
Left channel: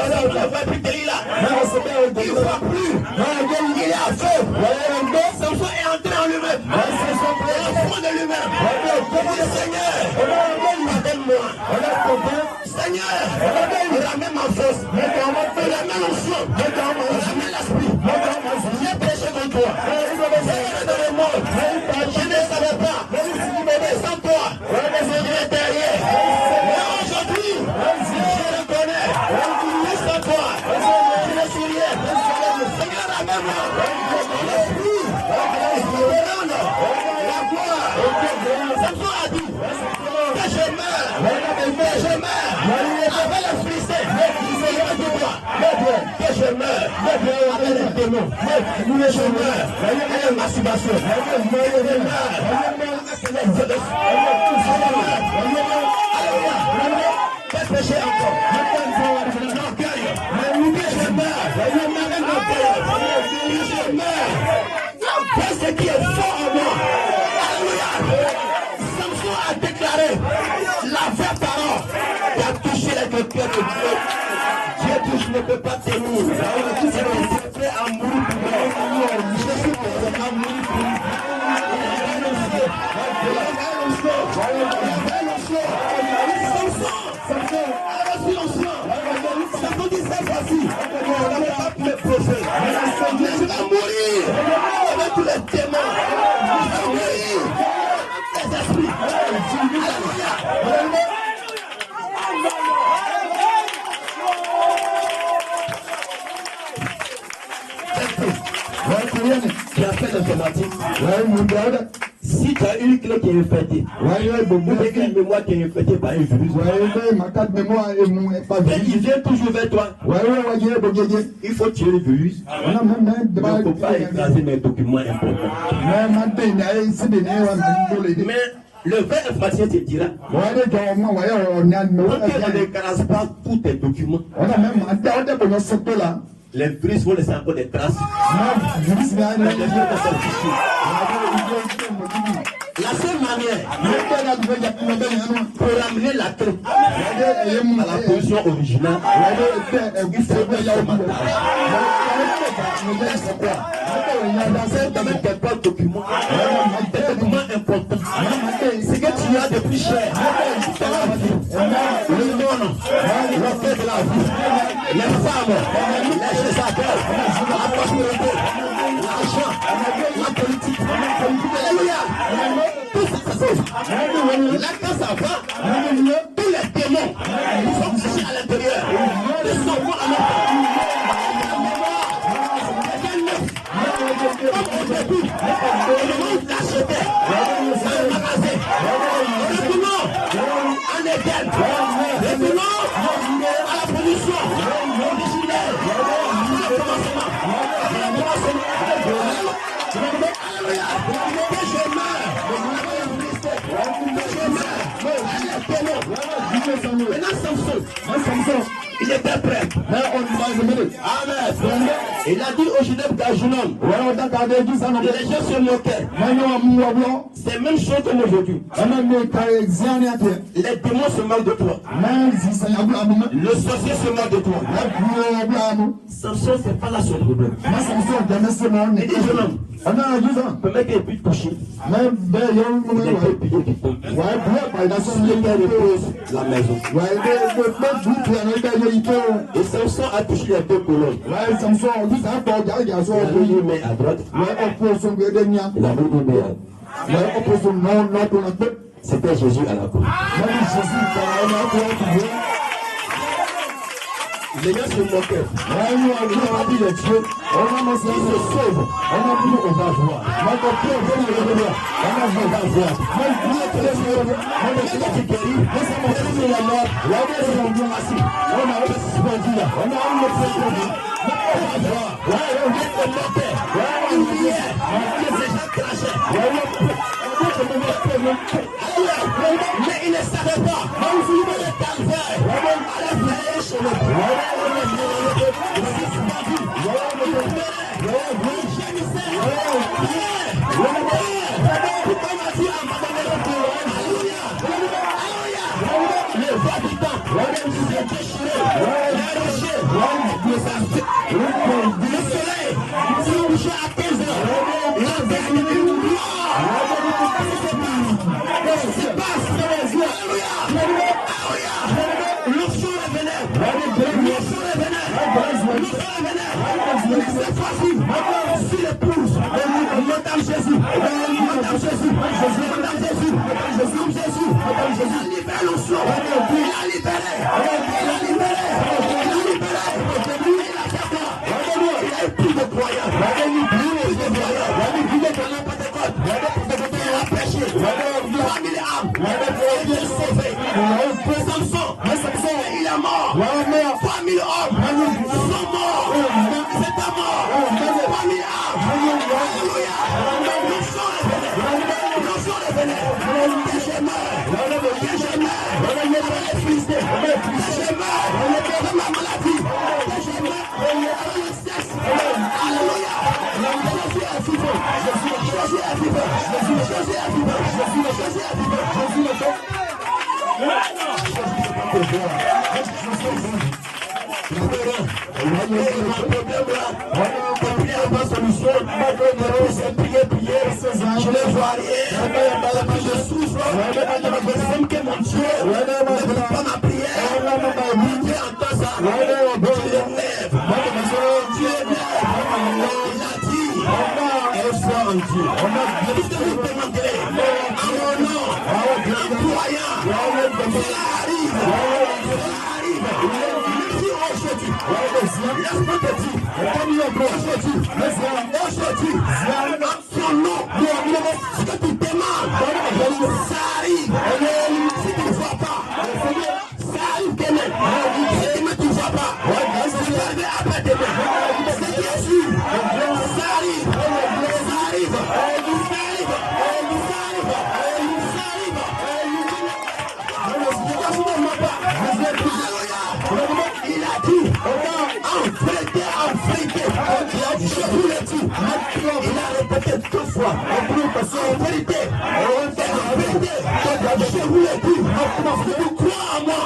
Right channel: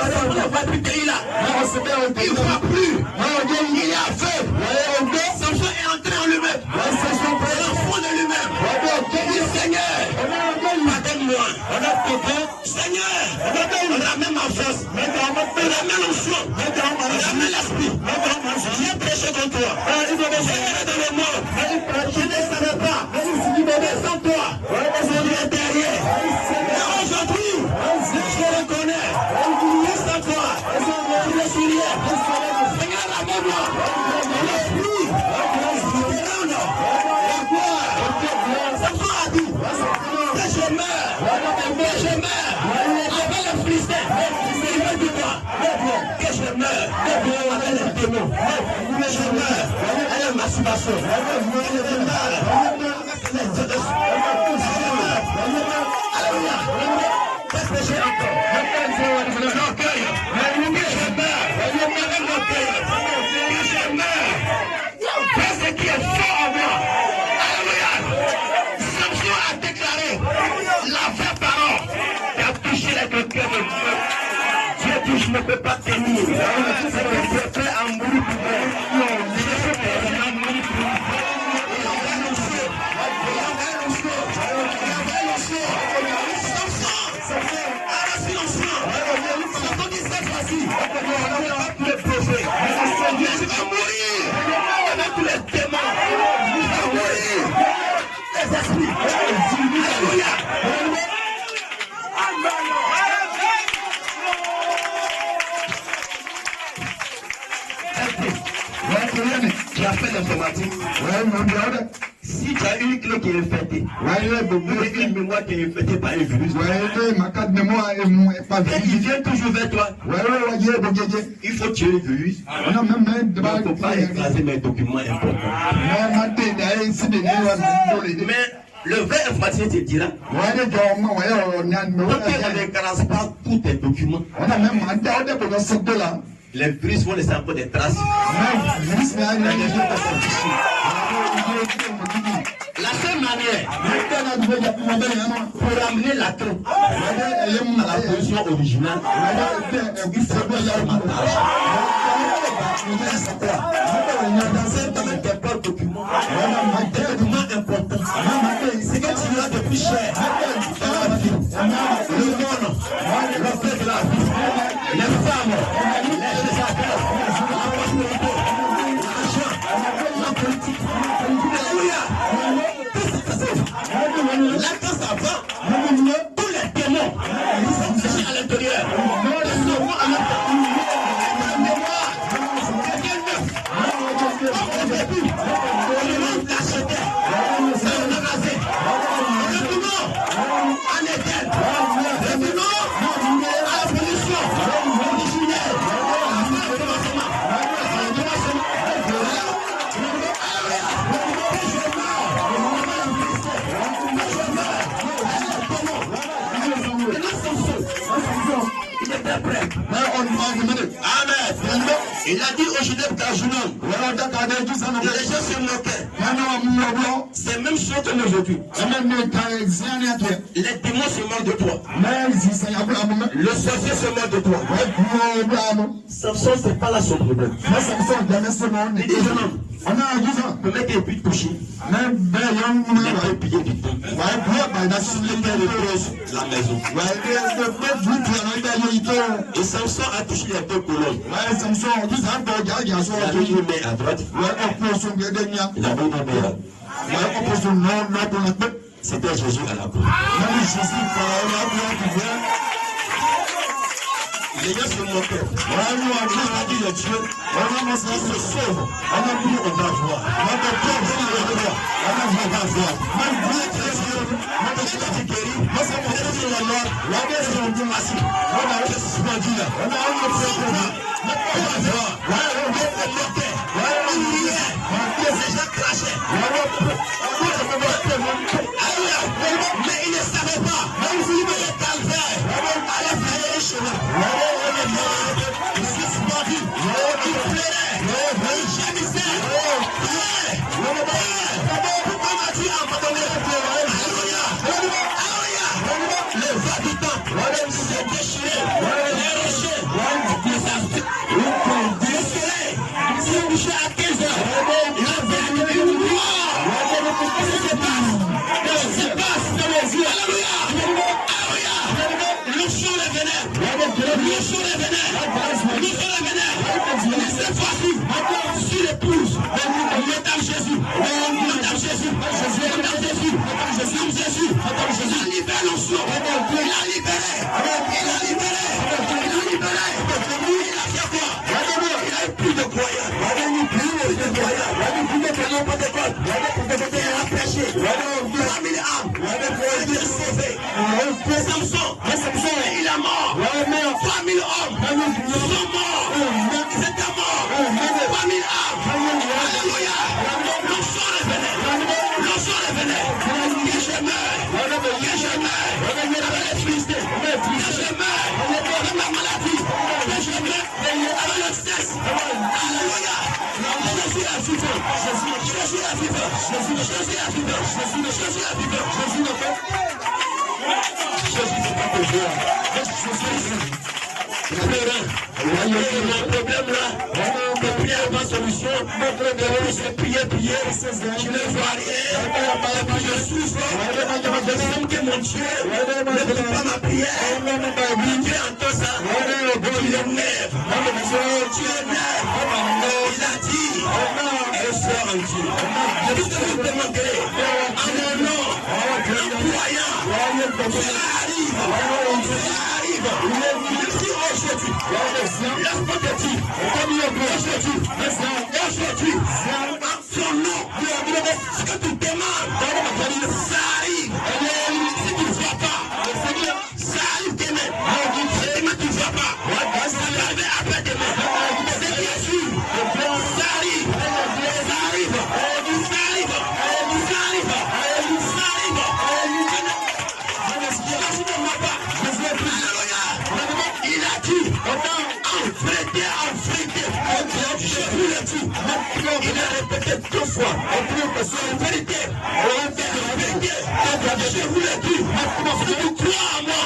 va plus payer là. Il ne va plus. Il est aveugle. Samson est entré en lui-même. L'enfant de lui-même. Il dit Seigneur, pardonne-moi. Seigneur, ramène ma force. Ramène l'onction. Ramène l'esprit. J'ai péché contre toi. J'ai erré dans le monde. Je ne savais pas. Mais sans toi, je suis derrière. Mais aujourd'hui, je reconnais. Sans toi, je suis lié. Seigneur, ramène-moi. L'esprit, la gloire. Samson a dit que je meurs. Avec la Philistine. Que je meurs avec les démons. Que je meurs avec la masturbation. Que je meurs avec les dieux de Alléluia. Qu'est-ce que j'ai encore? L'orgueil. Que je meurs avec l'orgueil. Que je meurs. Qu'est-ce qui est fort en moi? Alléluia. Samson a déclaré la vraie parole. Il a touché les cœurs de Dieu. Dieu dit, je ne peux pas tenir. Je suis prêt à mourir pour moi. Je suis prêt à mourir pour moi. Je vais mourir avec tous les démons. Je vais mourir les esprits. Alléluia. Tu as fait l'informatique. Si Si tu as une clé qui est infectée, ou une mémoire qui est infectée par un virus, et il vient toujours vers toi, il faut tuer le virus. Il ne faut pas écraser mes documents importants. Mais le vrai informaticien te dira, donc on n'écrase pas tous tes documents. Les virus vont laisser encore des traces. La seule manière pour ramener la clé à la position originale, il faut que ça partage. Dans tes pas documents, des documents importants, c'est que tu as de plus cher dans la vie. Le monde, le fait de la vie, les femmes, les choses à faire, la prospérité, l'argent, la politique, alléluia. Là, ça va, tous les démons qui sont cachés à l'intérieur, ils sont en même temps. La mémoire, quelqu'un neuf, comme au début, on l'achetait, ça on a rasé. Revenons en Éden, revenons à la pollution originelle, il était prêt. Amen. Il a dit au Genève d'Ajunan. Les gens se moquaient. C'est même chose comme aujourd'hui. Les démons se moquent de toi. Le sorcier se moque de toi. Samson, c'est pas là son problème. Il dit jeune homme, peut mettre des buts couchés. Il a pillé du temps. Il repose la maison. Et Samson a touché les deux colonnes. Il a mis une main à droite. Il a mis une main à droite. C'était Jésus à la croix. Les gens se moquaient. Il a dit le Dieu, il se sauve. On va voir. On va voir. Mais il ne savait pas. Le calvaire allait faire un chemin. Il s'est suspendu. Il pleurait. Il gémissait. Pourquoi m'as-tu abandonné? Alléluia. Le vent du temps s'est déchiré. Les rochers, le soleil s'est couché à 15 heures. Il a fait une gloire. C'est pas les yeux. Alléluia. Le jour est venu. Cette fois-ci, sur l'épouse, Madame Jésus, il libère l'onction, il a libéré, il a plus de croyants, il a prêché, il a mis les âmes, il est sauvé. Samson, il est mort, 3000 hommes sont morts, ils étaient morts, 3000 âmes, alléluia, l'onction revenait, que je meurs, avec les tristes, que je meurs, avec ma maladie, que je meurs, avec le stress, alléluia, Jésus est vivant, Jésus est vivant, Jésus est vivant. Jésus n'est pas toujours. Le problème là, la prière pas solution. C'est prier. Je ne vois rien. Je souffre. Je sens que mon Dieu ne peut pas ma prière. Dieu entend ça. Il est nerf. Dieu est nerf. Il a dit, elle soit en Dieu. Tout ce que vous demandez, en mon nom, en croyant, cela arrive. Merci aujourd'hui. Laisse-moi te dire, aujourd'hui, son nom, ce que tu demandes, arrive. Si tu ne vois pas, ça arrive demain. Demain tu ne vois pas. Ça va arriver après demain. C'est bien sûr. Ça arrive. Ça arrive. Ça arrive. Ça arrive. Ça arrive. Il a dit, enfreindé, je vous le dis. Il a répété 2 fois. En vérité, je vous le dis. Si tu crois en moi,